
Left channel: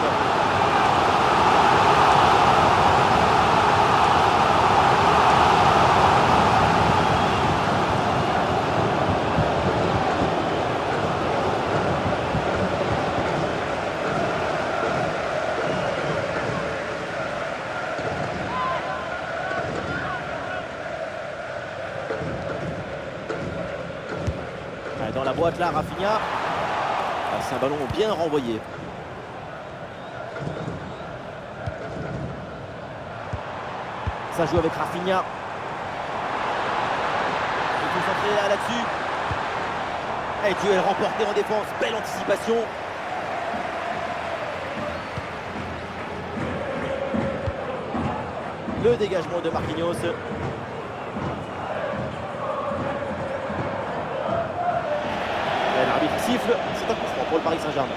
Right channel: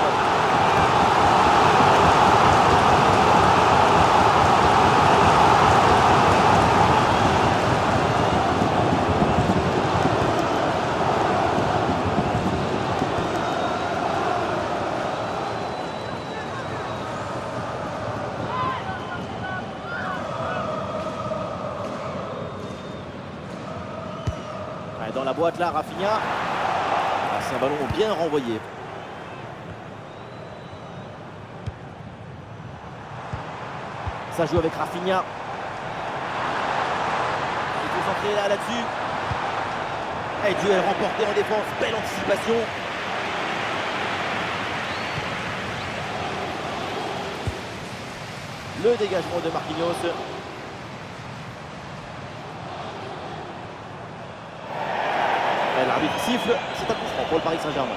Dans la boîte là, Rafinha. Ah, c'est un ballon bien renvoyé. Ça joue avec Rafinha. Il faut centrer là-dessus. Et duel remporté en défense. Belle anticipation. Le dégagement de Marquinhos. L'arbitre siffle, c'est un coup franc pour le Paris Saint-Germain.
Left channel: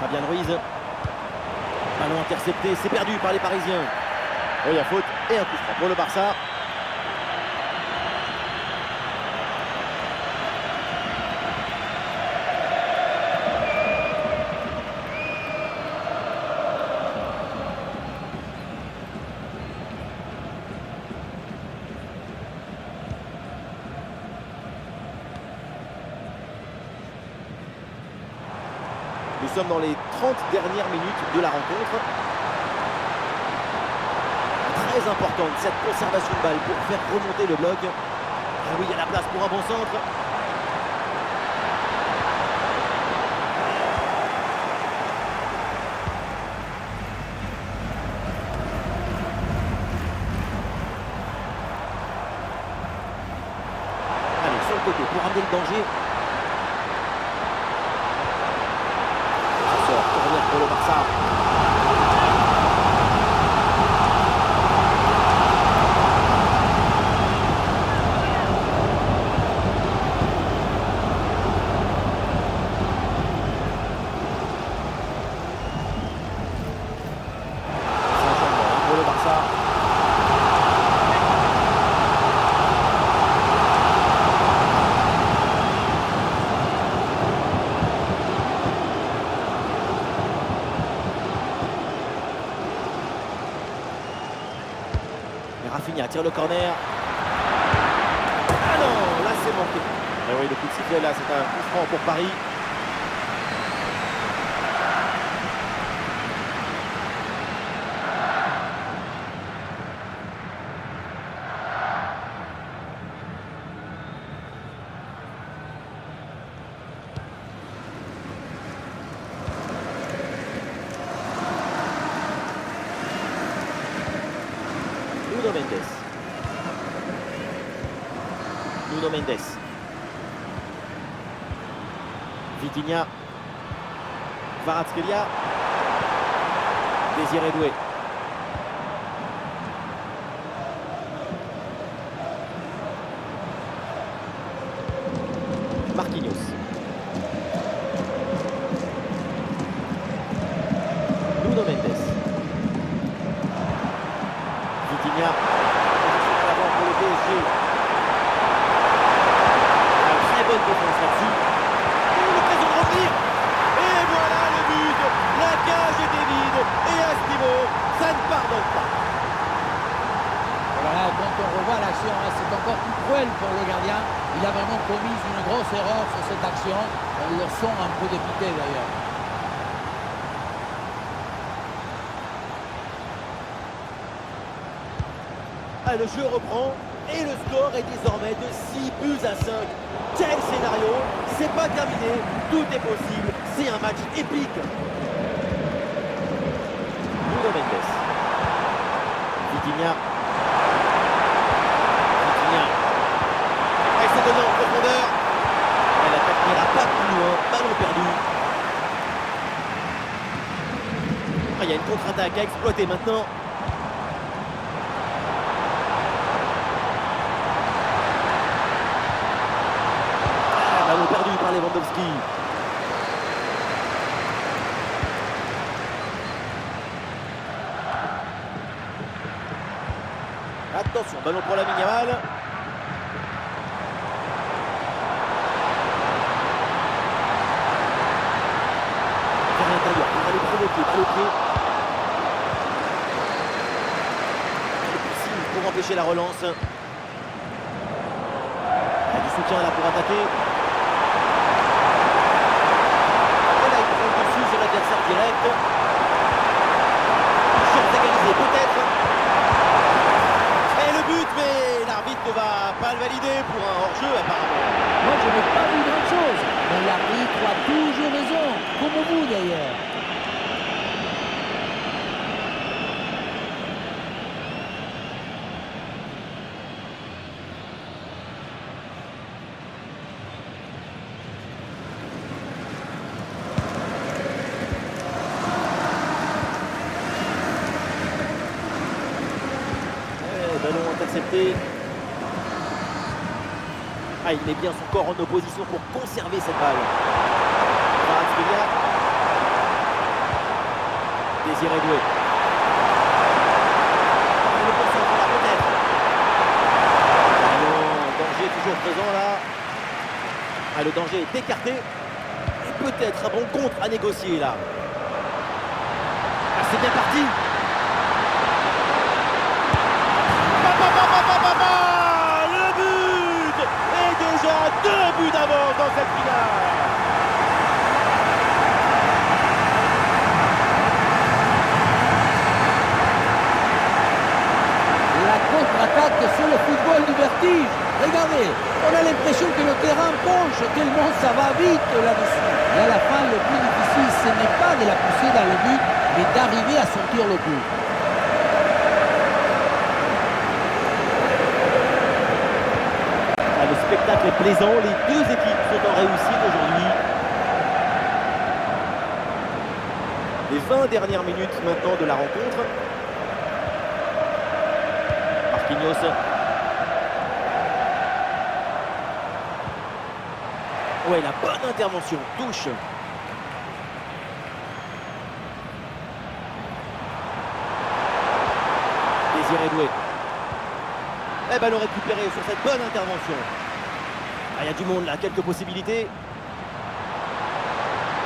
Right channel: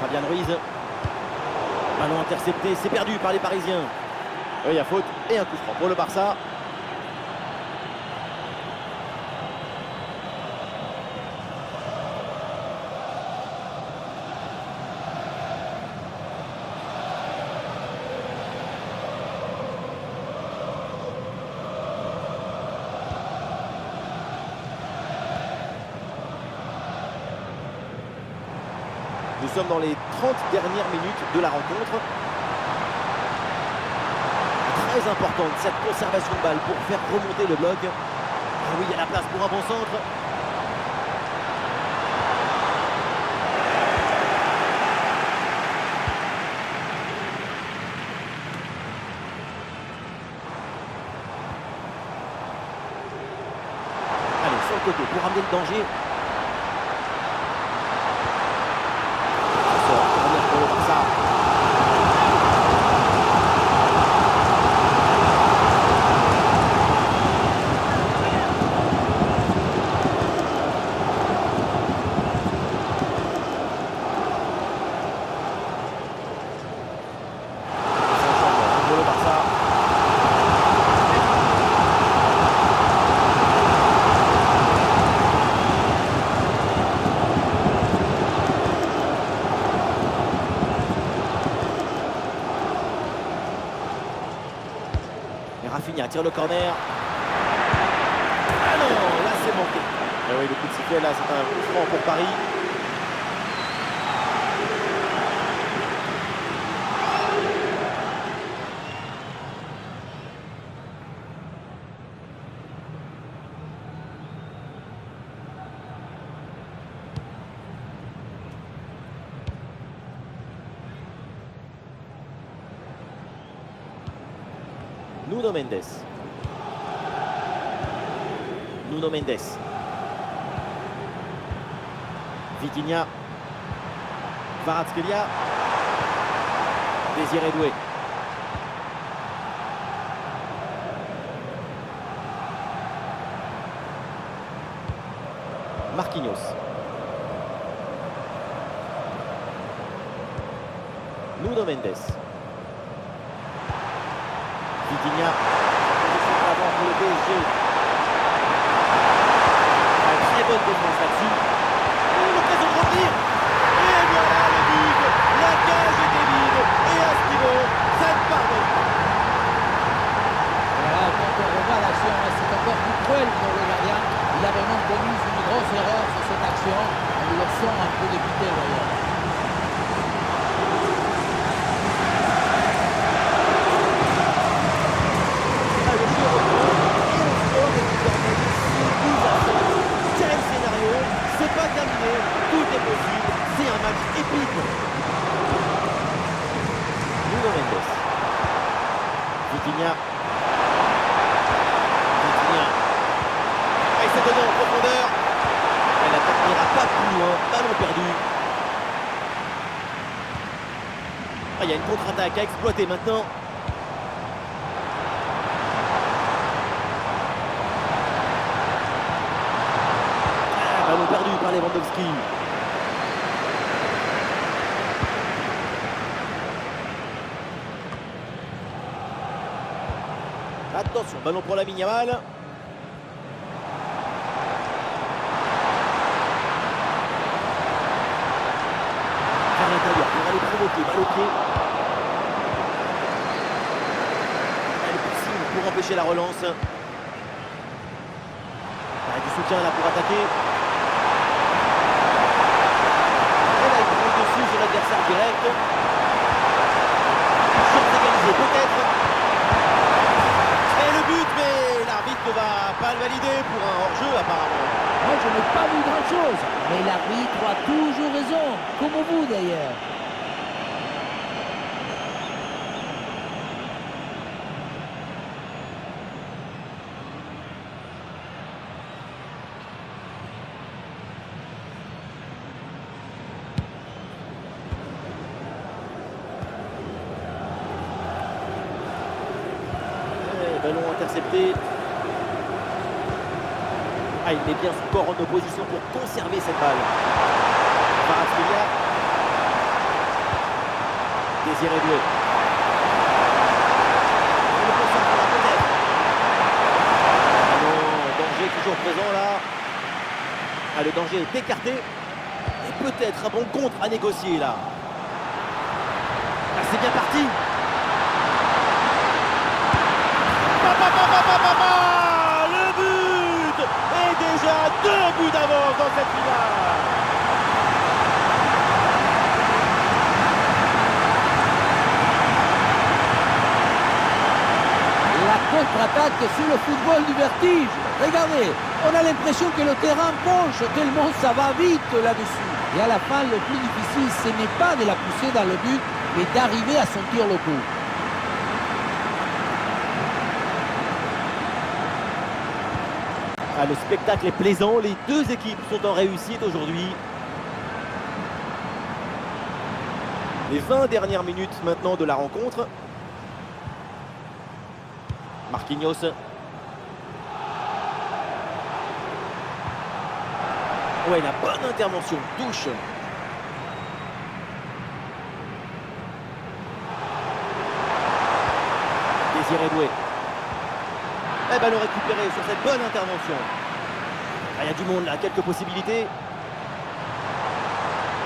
Fabian Ruiz. Ballon intercepté, c'est perdu par les Parisiens. Il y a faute et un coup franc pour le Barça. Nous sommes dans les 30 dernières minutes de la rencontre. Très importante cette conservation de balle pour faire remonter le bloc. Ah oui, il y a la place pour un bon centre. Allez, sur le côté pour amener le danger. Corner pour le Barça. C'est un changement pour le Barça. Rafinha tire le corner. Ah non, là c'est manqué. Et oui, le coup de sifflet là, c'est un coup franc pour Paris. Nuno Mendes. Nuno Mendes. Vitinha. Kvaratskhelia. Désiré Doué. Marquinhos. Nuno Mendes. Vitinha, position de l'avant pour le PSG. Une très bonne défense là-dessus. L'occasion de revenir. Et voilà le but. La cage était vide. Et à ce niveau, ça ne pardonne pas. Voilà, quand on revoit l'action, c'est encore plus cruel pour le gardien. Il a vraiment commis une grosse erreur sur cette action. On le sent un peu dépité d'ailleurs. Ah, le jeu reprend et le score est désormais de 6 buts à 5. Quel scénario! C'est pas terminé, tout est possible, c'est un match épique. Nuno Mendes. Vitinha. Il s'est donné en profondeur. Et l'attaque n'ira pas plus loin, ballon perdu. Ah, il y a une contre-attaque à exploiter maintenant. Ballon perdu par Lewandowski. Attention, ballon pour Lamine Yamal. Vers l'intérieur pour aller provoquer, balle au pied. Et le pressing pour empêcher la relance. Il y a du soutien là pour attaquer. Sur l'adversaire direct. Une chance égalisée peut-être. Et le but, mais l'arbitre ne va pas le valider pour un hors-jeu apparemment. Moi, je n'ai pas vu grand-chose, mais l'arbitre a toujours raison, comme vous d'ailleurs. Ballon intercepté. Ah, il met bien son corps en opposition pour conserver cette balle. Kvaratskhelia. Désiré Doué. Et le concert pour la peut-être. Ah non, danger toujours présent là. Ah, le danger est écarté. Et peut-être un bon contre à négocier là. Ah, c'est bien parti. Le but! Et déjà 2 buts d'avance dans cette finale. La contre-attaque sur le football du vertige. Regardez, on a l'impression que le terrain penche tellement ça va vite là-dessus. Et à la fin, le plus difficile, ce n'est pas de la pousser dans le but, mais d'arriver à sentir le coup. Ah, le spectacle est plaisant, les deux équipes sont en réussite aujourd'hui. Les 20 dernières minutes maintenant de la rencontre. Marquinhos. Ouais, la bonne intervention, touche. Désiré Doué. Et ballon récupéré sur cette bonne intervention. Ah, il y a du monde là, quelques possibilités.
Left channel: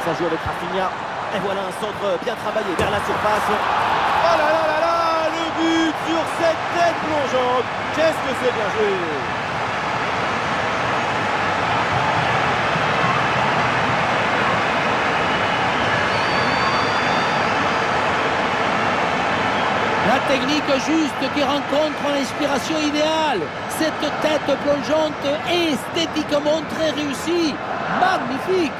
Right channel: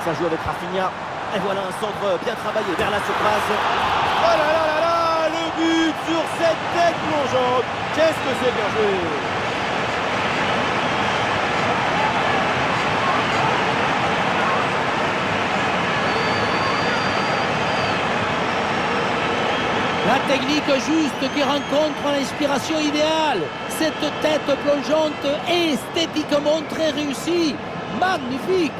Ça joue avec Rafinha. Et voilà un centre bien travaillé vers la surface. Oh là là là là, le but sur cette tête plongeante. Qu'est-ce que c'est bien joué! La technique juste qui rencontre l'inspiration idéale. Cette tête plongeante est esthétiquement très réussie. Magnifique.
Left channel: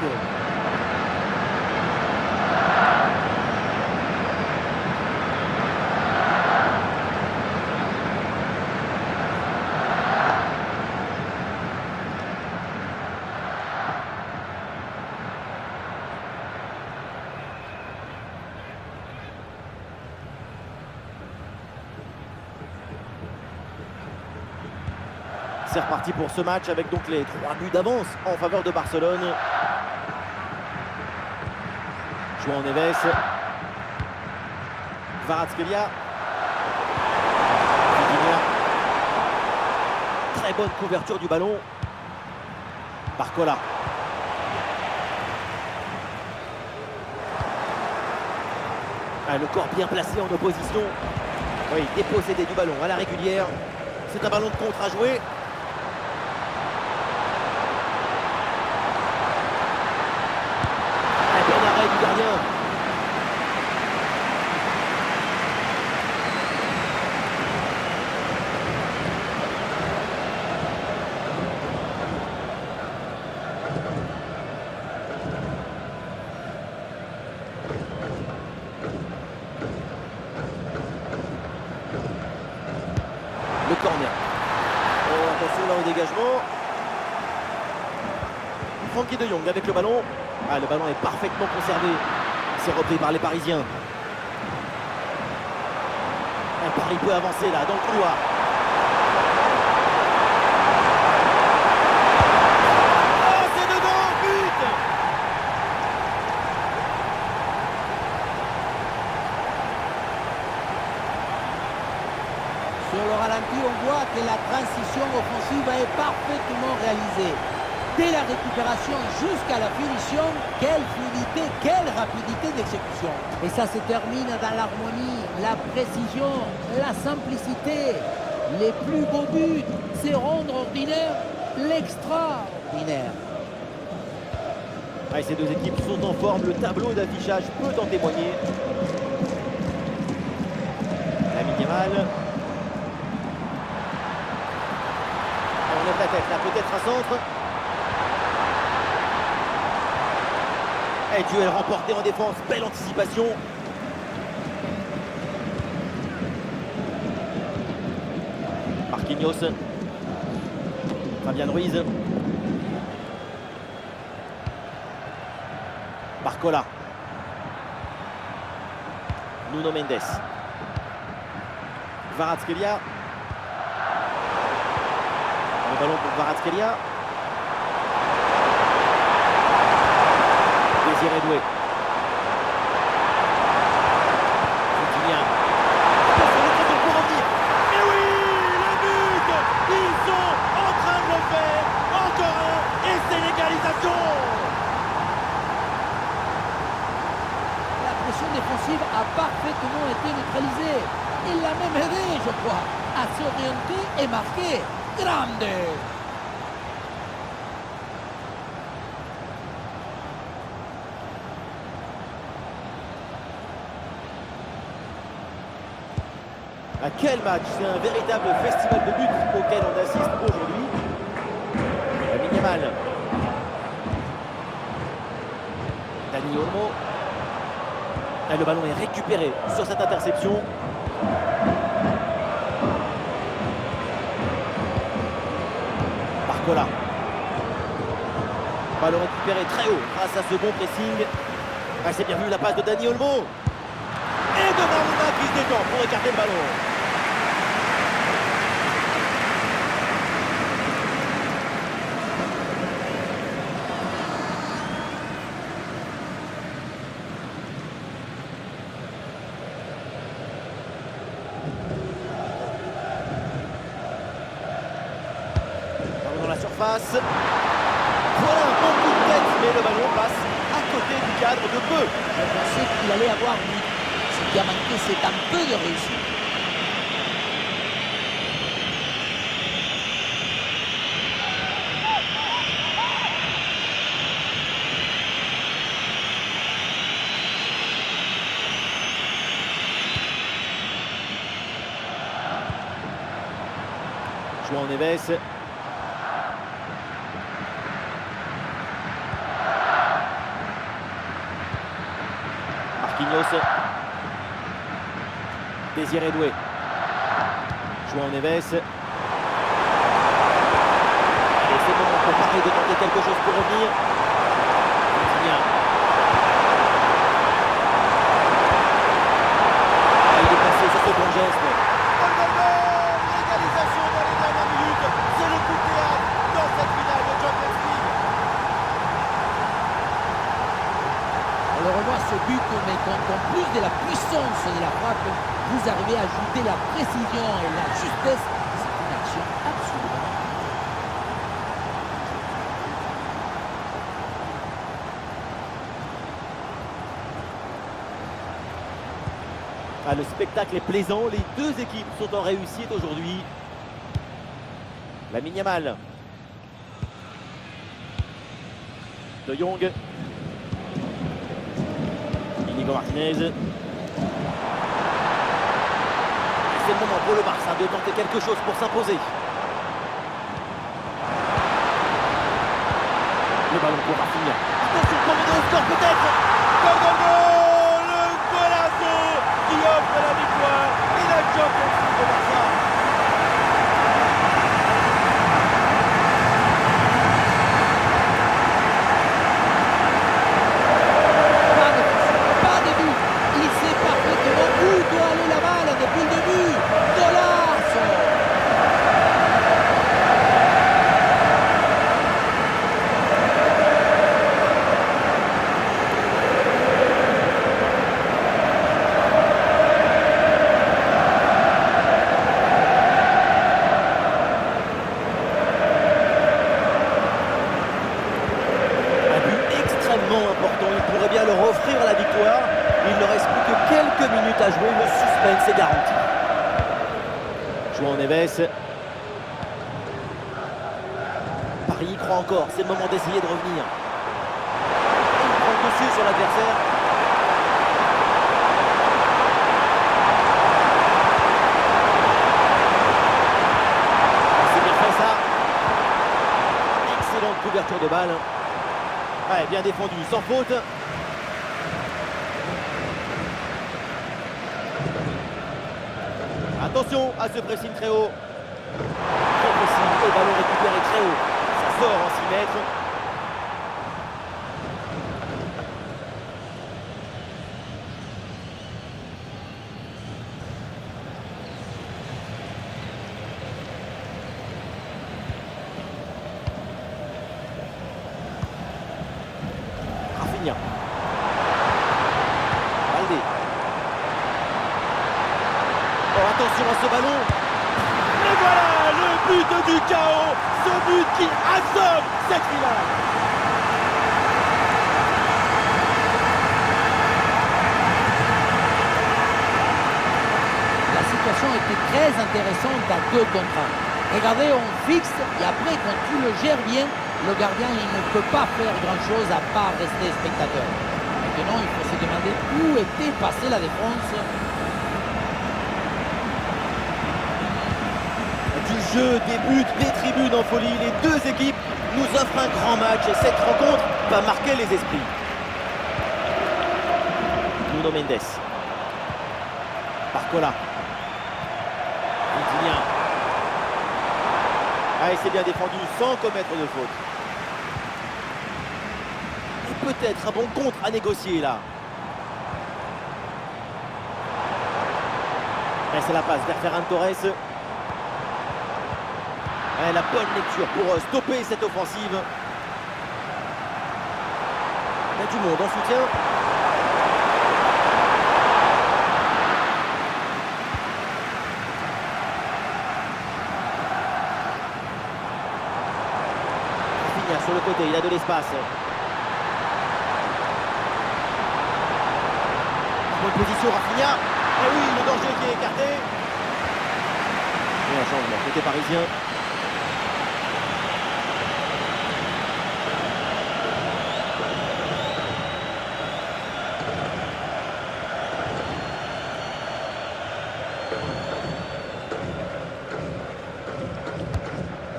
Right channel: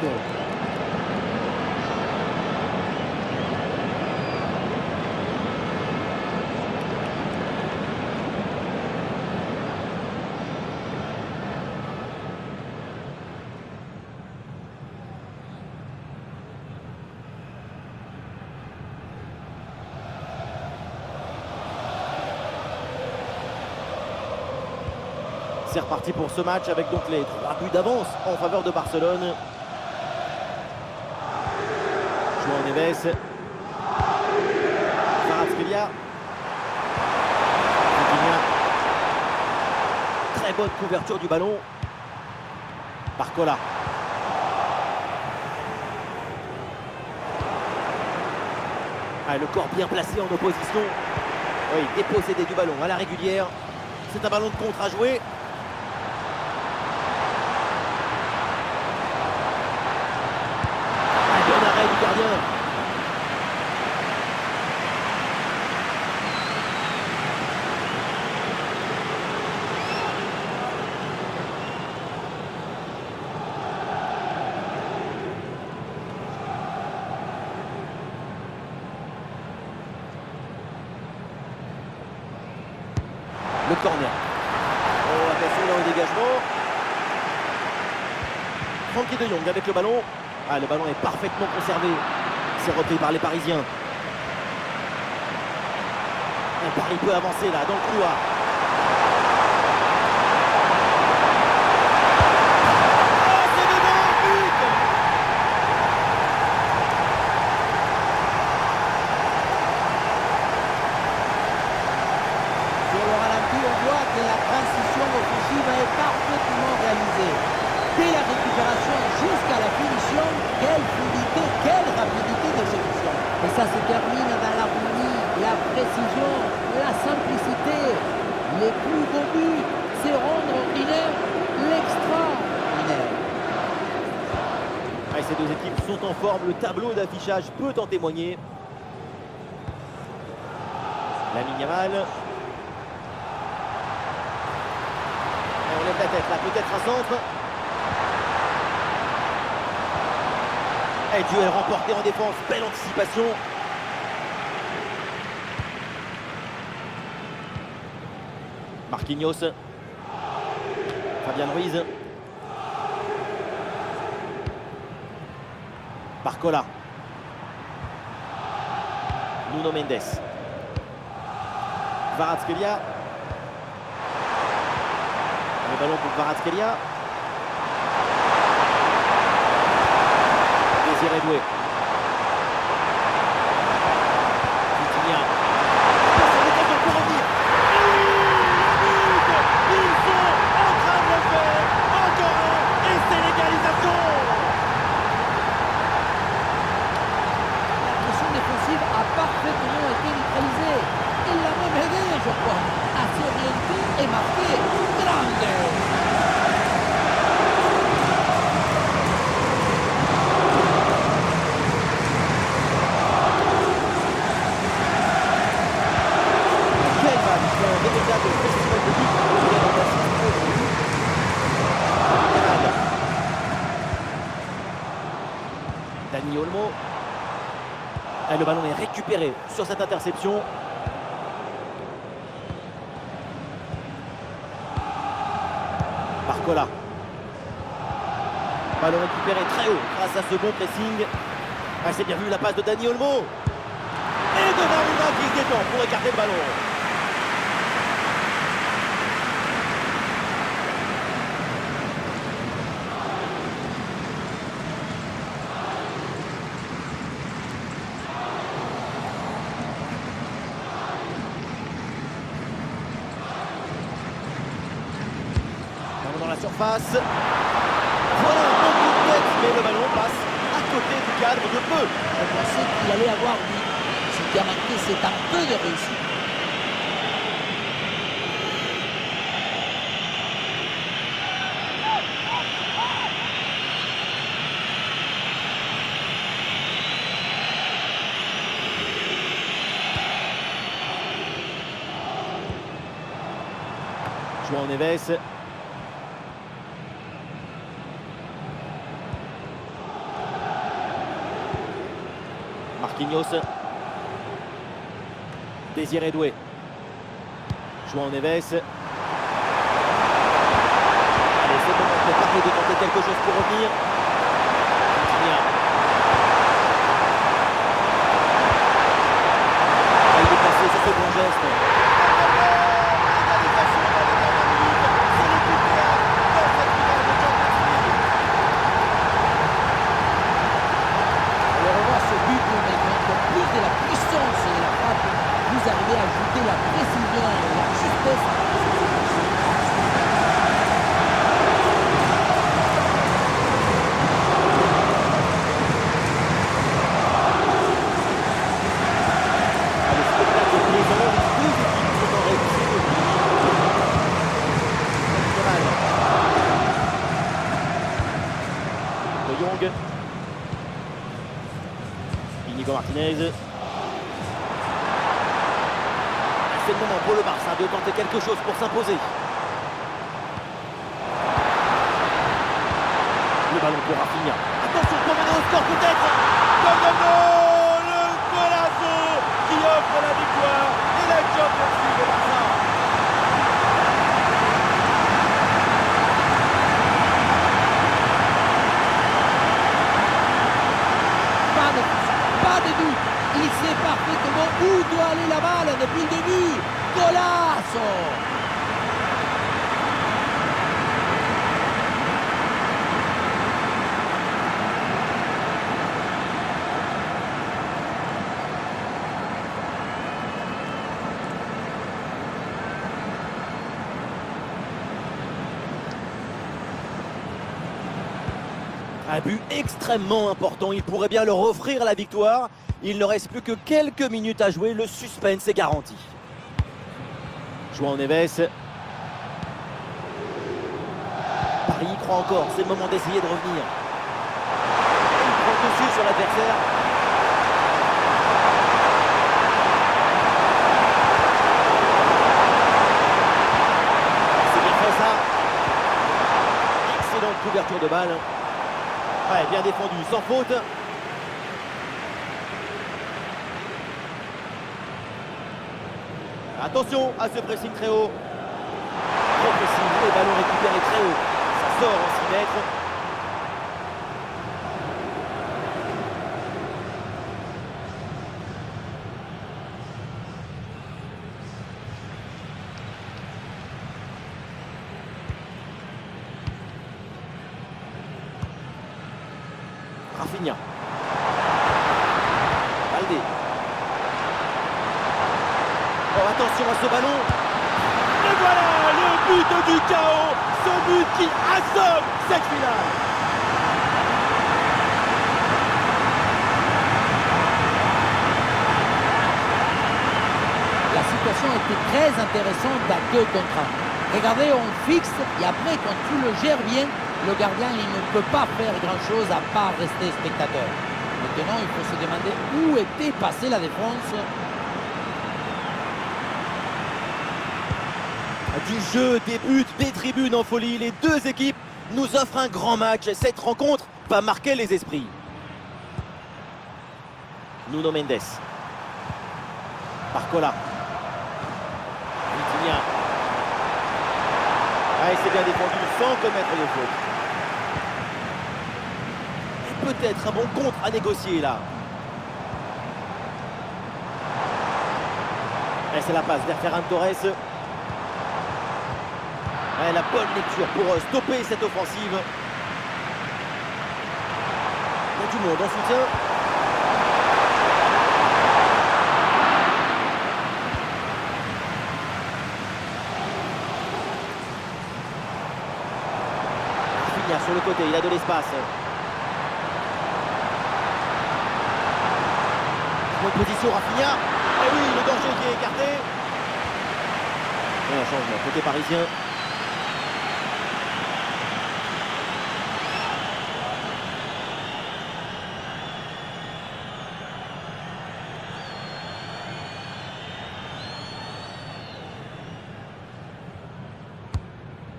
C'est reparti pour ce match avec donc les 3 buts d'avance en faveur de Barcelone. João Neves. Kvaratskhelia. Vitinha. Très bonne couverture du ballon. Barcola. Ah, le corps bien placé en opposition. Oui, dépossédé du ballon à la régulière. C'est un ballon de contre à jouer. Bon arrêt du gardien. Le corner. Oh, attention là au dégagement. Frankie de Jong avec le ballon. Ah, le ballon est parfaitement conservé. C'est repris par les Parisiens. Paris peut avancer là, dans le couloir. Oh, c'est dedans, but! Sur le ralenti, on voit que la transition offensive est parfaitement réalisée. Dès la récupération jusqu'à la finition, quelle fluidité, quelle rapidité d'exécution. Et ça se termine dans l'harmonie, la précision, la simplicité. Les plus beaux buts, c'est rendre ordinaire l'extraordinaire. Ah, ces deux équipes sont en forme, le tableau d'affichage peut en témoigner. Lamine Yamal. On lève la tête là, peut-être un centre. Et duel remporté en défense, belle anticipation. Marquinhos. Fabian Ruiz. Barcola. Nuno Mendes. Kvaratskhelia. Le ballon pour Kvaratskhelia. Désiré Doué. Vitinha. Attention, l'occasion pour revenir. Et oui, le but! Ils sont en train de le faire. Encore un. Et c'est l'égalisation. La pression défensive a parfaitement été neutralisée. Il l'a même aidé, je crois, à s'orienter et marquer. Grande! Quel match, c'est un véritable festival de buts auquel on assiste aujourd'hui. Lamine Yamal. Dani Olmo. Et le ballon est récupéré sur cette interception. Barcola. Ballon récupéré très haut grâce à ce bon pressing. Ah, c'est bien vu la passe de Dani Olmo. Et Donnarumma qui se détend pour écarter le ballon. Dans la surface. Voilà un bon coup de tête, mais le ballon passe à côté du cadre de peu. Je pensais qu'il allait avoir but. Ce qui a manqué, c'est un peu de réussite. João Neves. Marquinhos. Désiré Doué. João Neves. Allez, c'est le moment pour Paris de tenter quelque chose pour revenir. Vitinha. Ah, il est passé sur ce bon geste. L'égalisation dans les dernières minutes. C'est le coup de théâtre dans cette finale de Champions League. On le revoit ce but, mais quand en plus de la puissance de la frappe, vous arrivez à ajouter la précision et la justesse, c'est une action absolument. Ah, le spectacle est plaisant, les deux équipes sont en réussite aujourd'hui. Lamine Yamal. De Jong. Inigo Martinez. C'est le moment pour le Barça de tenter quelque chose pour s'imposer. Le ballon pour Rafinha. Attention pour mener au score peut-être. Goal, goal, goal. Le golazo qui offre la victoire et la Champions League au Barça. Il sait parfaitement où doit aller la balle depuis le début. Golazo! Un but extrêmement important, il pourrait bien leur offrir la victoire. Il ne reste plus que quelques minutes à jouer, le suspense est garanti. João Neves. Paris y croit encore, c'est le moment d'essayer de revenir. Et il prend le dessus sur l'adversaire. C'est bien fait ça. Excellente couverture de balle. Ouais, bien défendu, sans faute. Attention à ce pressing très haut. Trop pressing, le ballon récupéré très haut. Ça sort en 6 mètres. Rafinha. Baldé. Oh, attention à ce ballon. Le voilà, le but du chaos. Ce but qui assomme cette finale. La situation était très intéressante à 2 contre 1. Regardez, on fixe et après, quand tu le gères bien, le gardien il ne peut pas faire grand-chose à part rester spectateur. Maintenant, il faut se demander où était passée la défense. Du jeu, des buts, des tribunes en folie, les deux équipes nous offrent un grand match et cette rencontre va marquer les esprits. Nuno Mendes. Barcola. Vitinha. Ah, et c'est bien défendu sans commettre de faute. Et peut-être un bon contre à négocier là. Et c'est la passe vers Ferran Torres. Et la bonne lecture pour stopper cette offensive. Il y a du monde en soutien. Rafinha sur le côté, il a de l'espace. Bonne position Rafinha. Et oui, le danger qui est écarté. Et un changement côté parisien.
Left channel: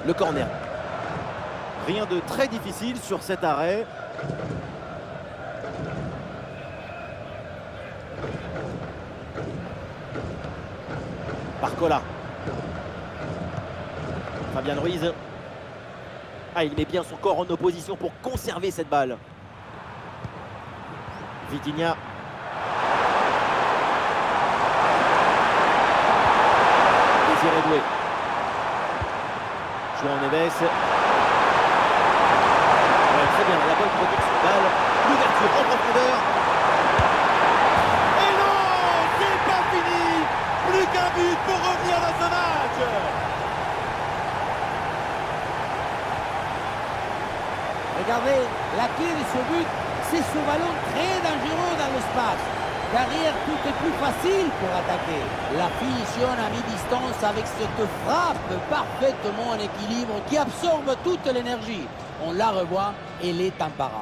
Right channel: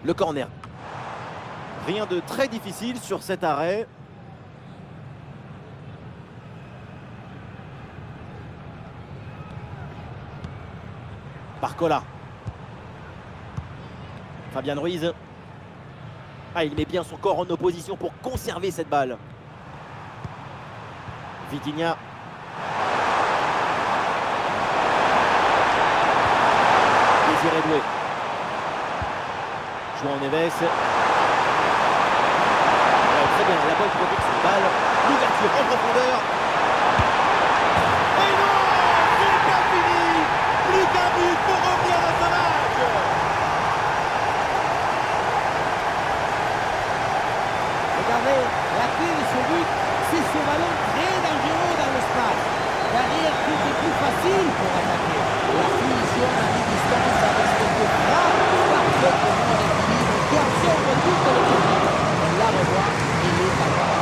Le corner. Rien de très difficile sur cet arrêt. Barcola. Fabian Ruiz. Ah, il met bien son corps en opposition pour conserver cette balle. Vitinha. Désiré Doué. João Neves. Ouais, très bien, la bonne protection de balle. L'ouverture en profondeur. Et non, c'est pas fini. Plus qu'un but pour revenir dans ce match. Regardez, la clé de ce but, c'est ce ballon très dangereux dans l'espace. Derrière, tout est plus facile pour attaquer. La finition à mi-distance avec cette frappe parfaitement en équilibre qui absorbe toute l'énergie. On la revoit, elle est en bas.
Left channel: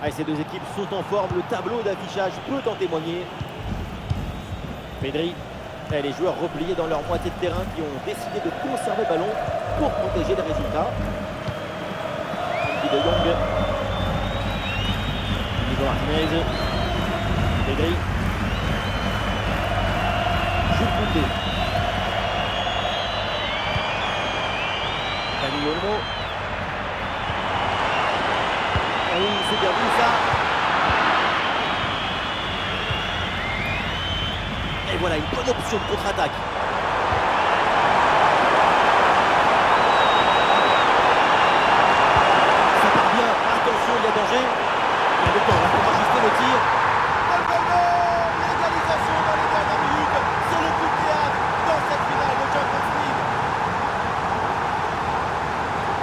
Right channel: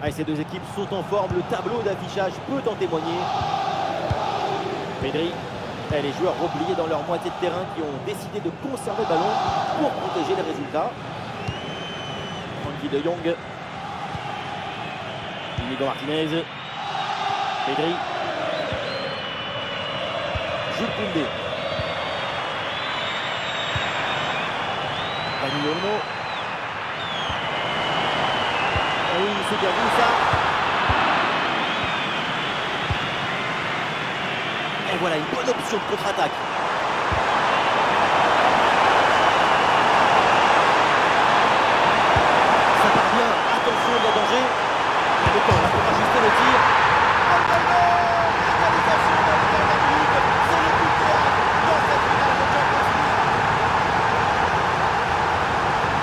Ah, ces deux équipes sont en forme, le tableau d'affichage peut en témoigner. Pedri, et les joueurs repliés dans leur moitié de terrain qui ont décidé de conserver le ballon pour protéger les résultats. Frenkie de Jong. Inigo Martinez. Pedri. Jules Koundé. Dani Olmo. Ah oui, c'est bien vu ça. Et voilà une bonne option de contre-attaque. Ça part bien, attention, il y a danger. Il y a le temps là pour ajuster le tir. Gol, gol, gol. L'égalisation dans les dernières minutes. C'est le coup de théâtre dans cette finale de Champions League.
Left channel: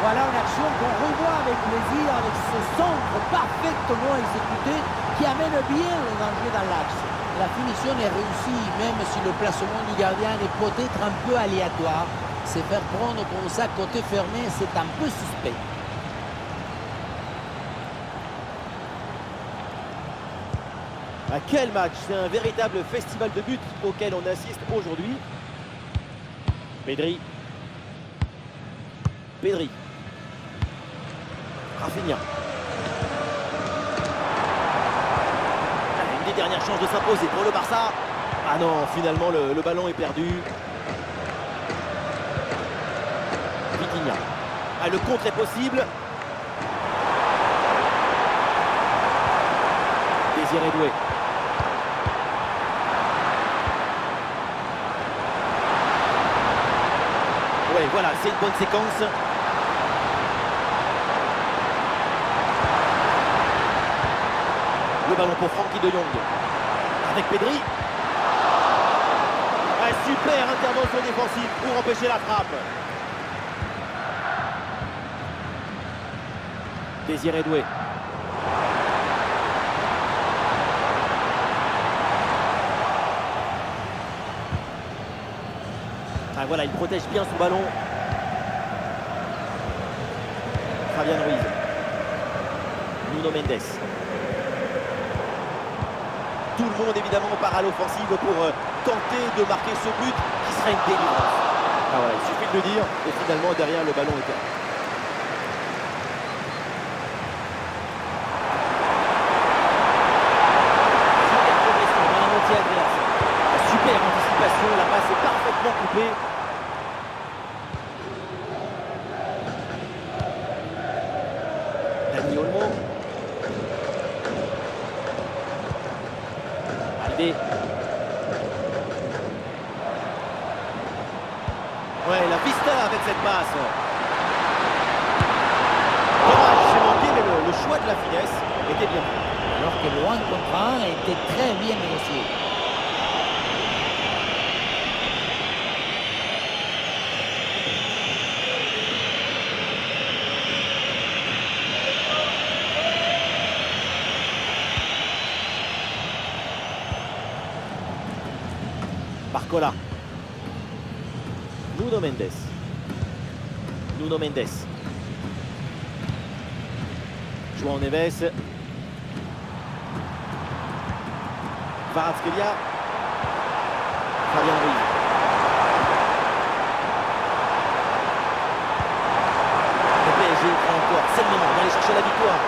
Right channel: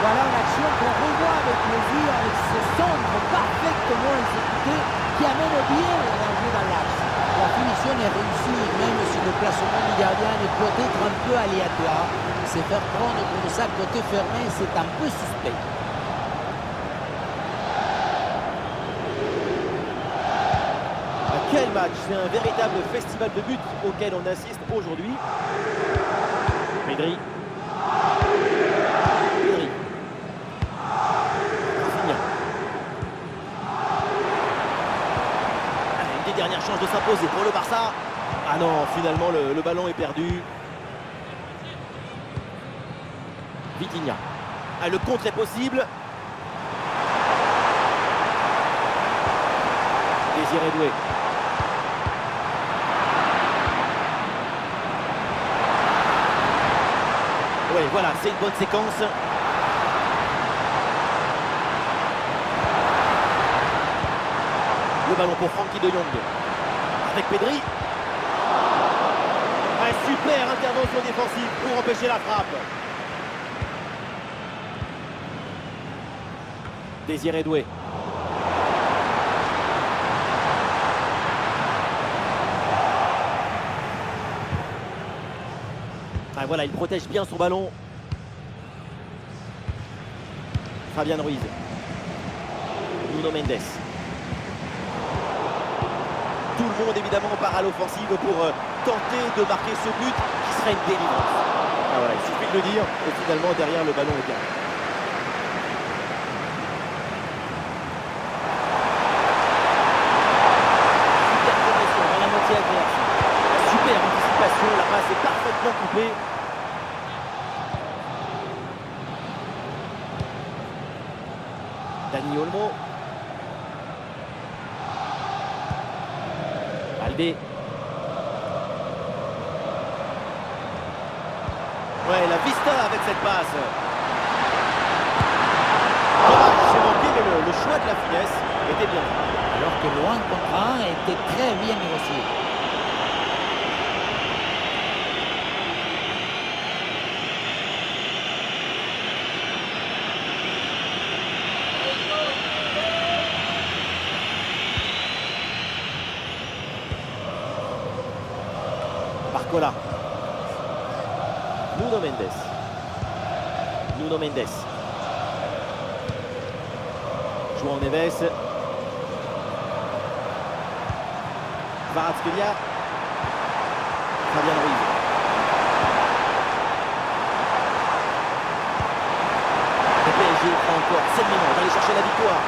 Voilà une action qu'on revoit avec plaisir, avec ce centre parfaitement exécuté qui amène bien le danger dans l'axe. La finition est réussie, même si le placement du gardien est peut-être un peu aléatoire. Se faire prendre comme ça côté fermé, c'est un peu suspect. Ah, quel match! C'est un véritable festival de buts auquel on assiste aujourd'hui. Pedri. Pedri. Rafinha. Allez, une des dernières chances de s'imposer pour le Barça. Ah non, finalement le ballon est perdu. Vitinha. Ah, le contre est possible. Désiré Doué. Ouais, voilà, c'est une bonne séquence. Le ballon pour Frenkie de Jong. Avec Pedri. Ah, super intervention défensive pour empêcher la frappe. Désiré Doué. Ah, voilà, il protège bien son ballon. Fabian Ruiz. Nuno Mendes. Tout le monde évidemment part à l'offensive pour tenter de marquer ce but qui serait une délivrance. Ah voilà, il suffit de le dire et finalement derrière le ballon est perdu. Super progression dans la moitié adverse. Super anticipation, la passe est parfaitement coupée. Dani Olmo. Balde. Ouais, la vista avec cette passe. Dommage, j'ai manqué, mais le choix de la finesse était bien. Alors que le 1 contre 1 était très bien négocié. Barcola. Nuno Mendes. Nuno Mendes. João Neves. Kvaratskhelia. Fabian Ruiz. Le PSG prend encore, c'est le moment d'aller chercher la victoire.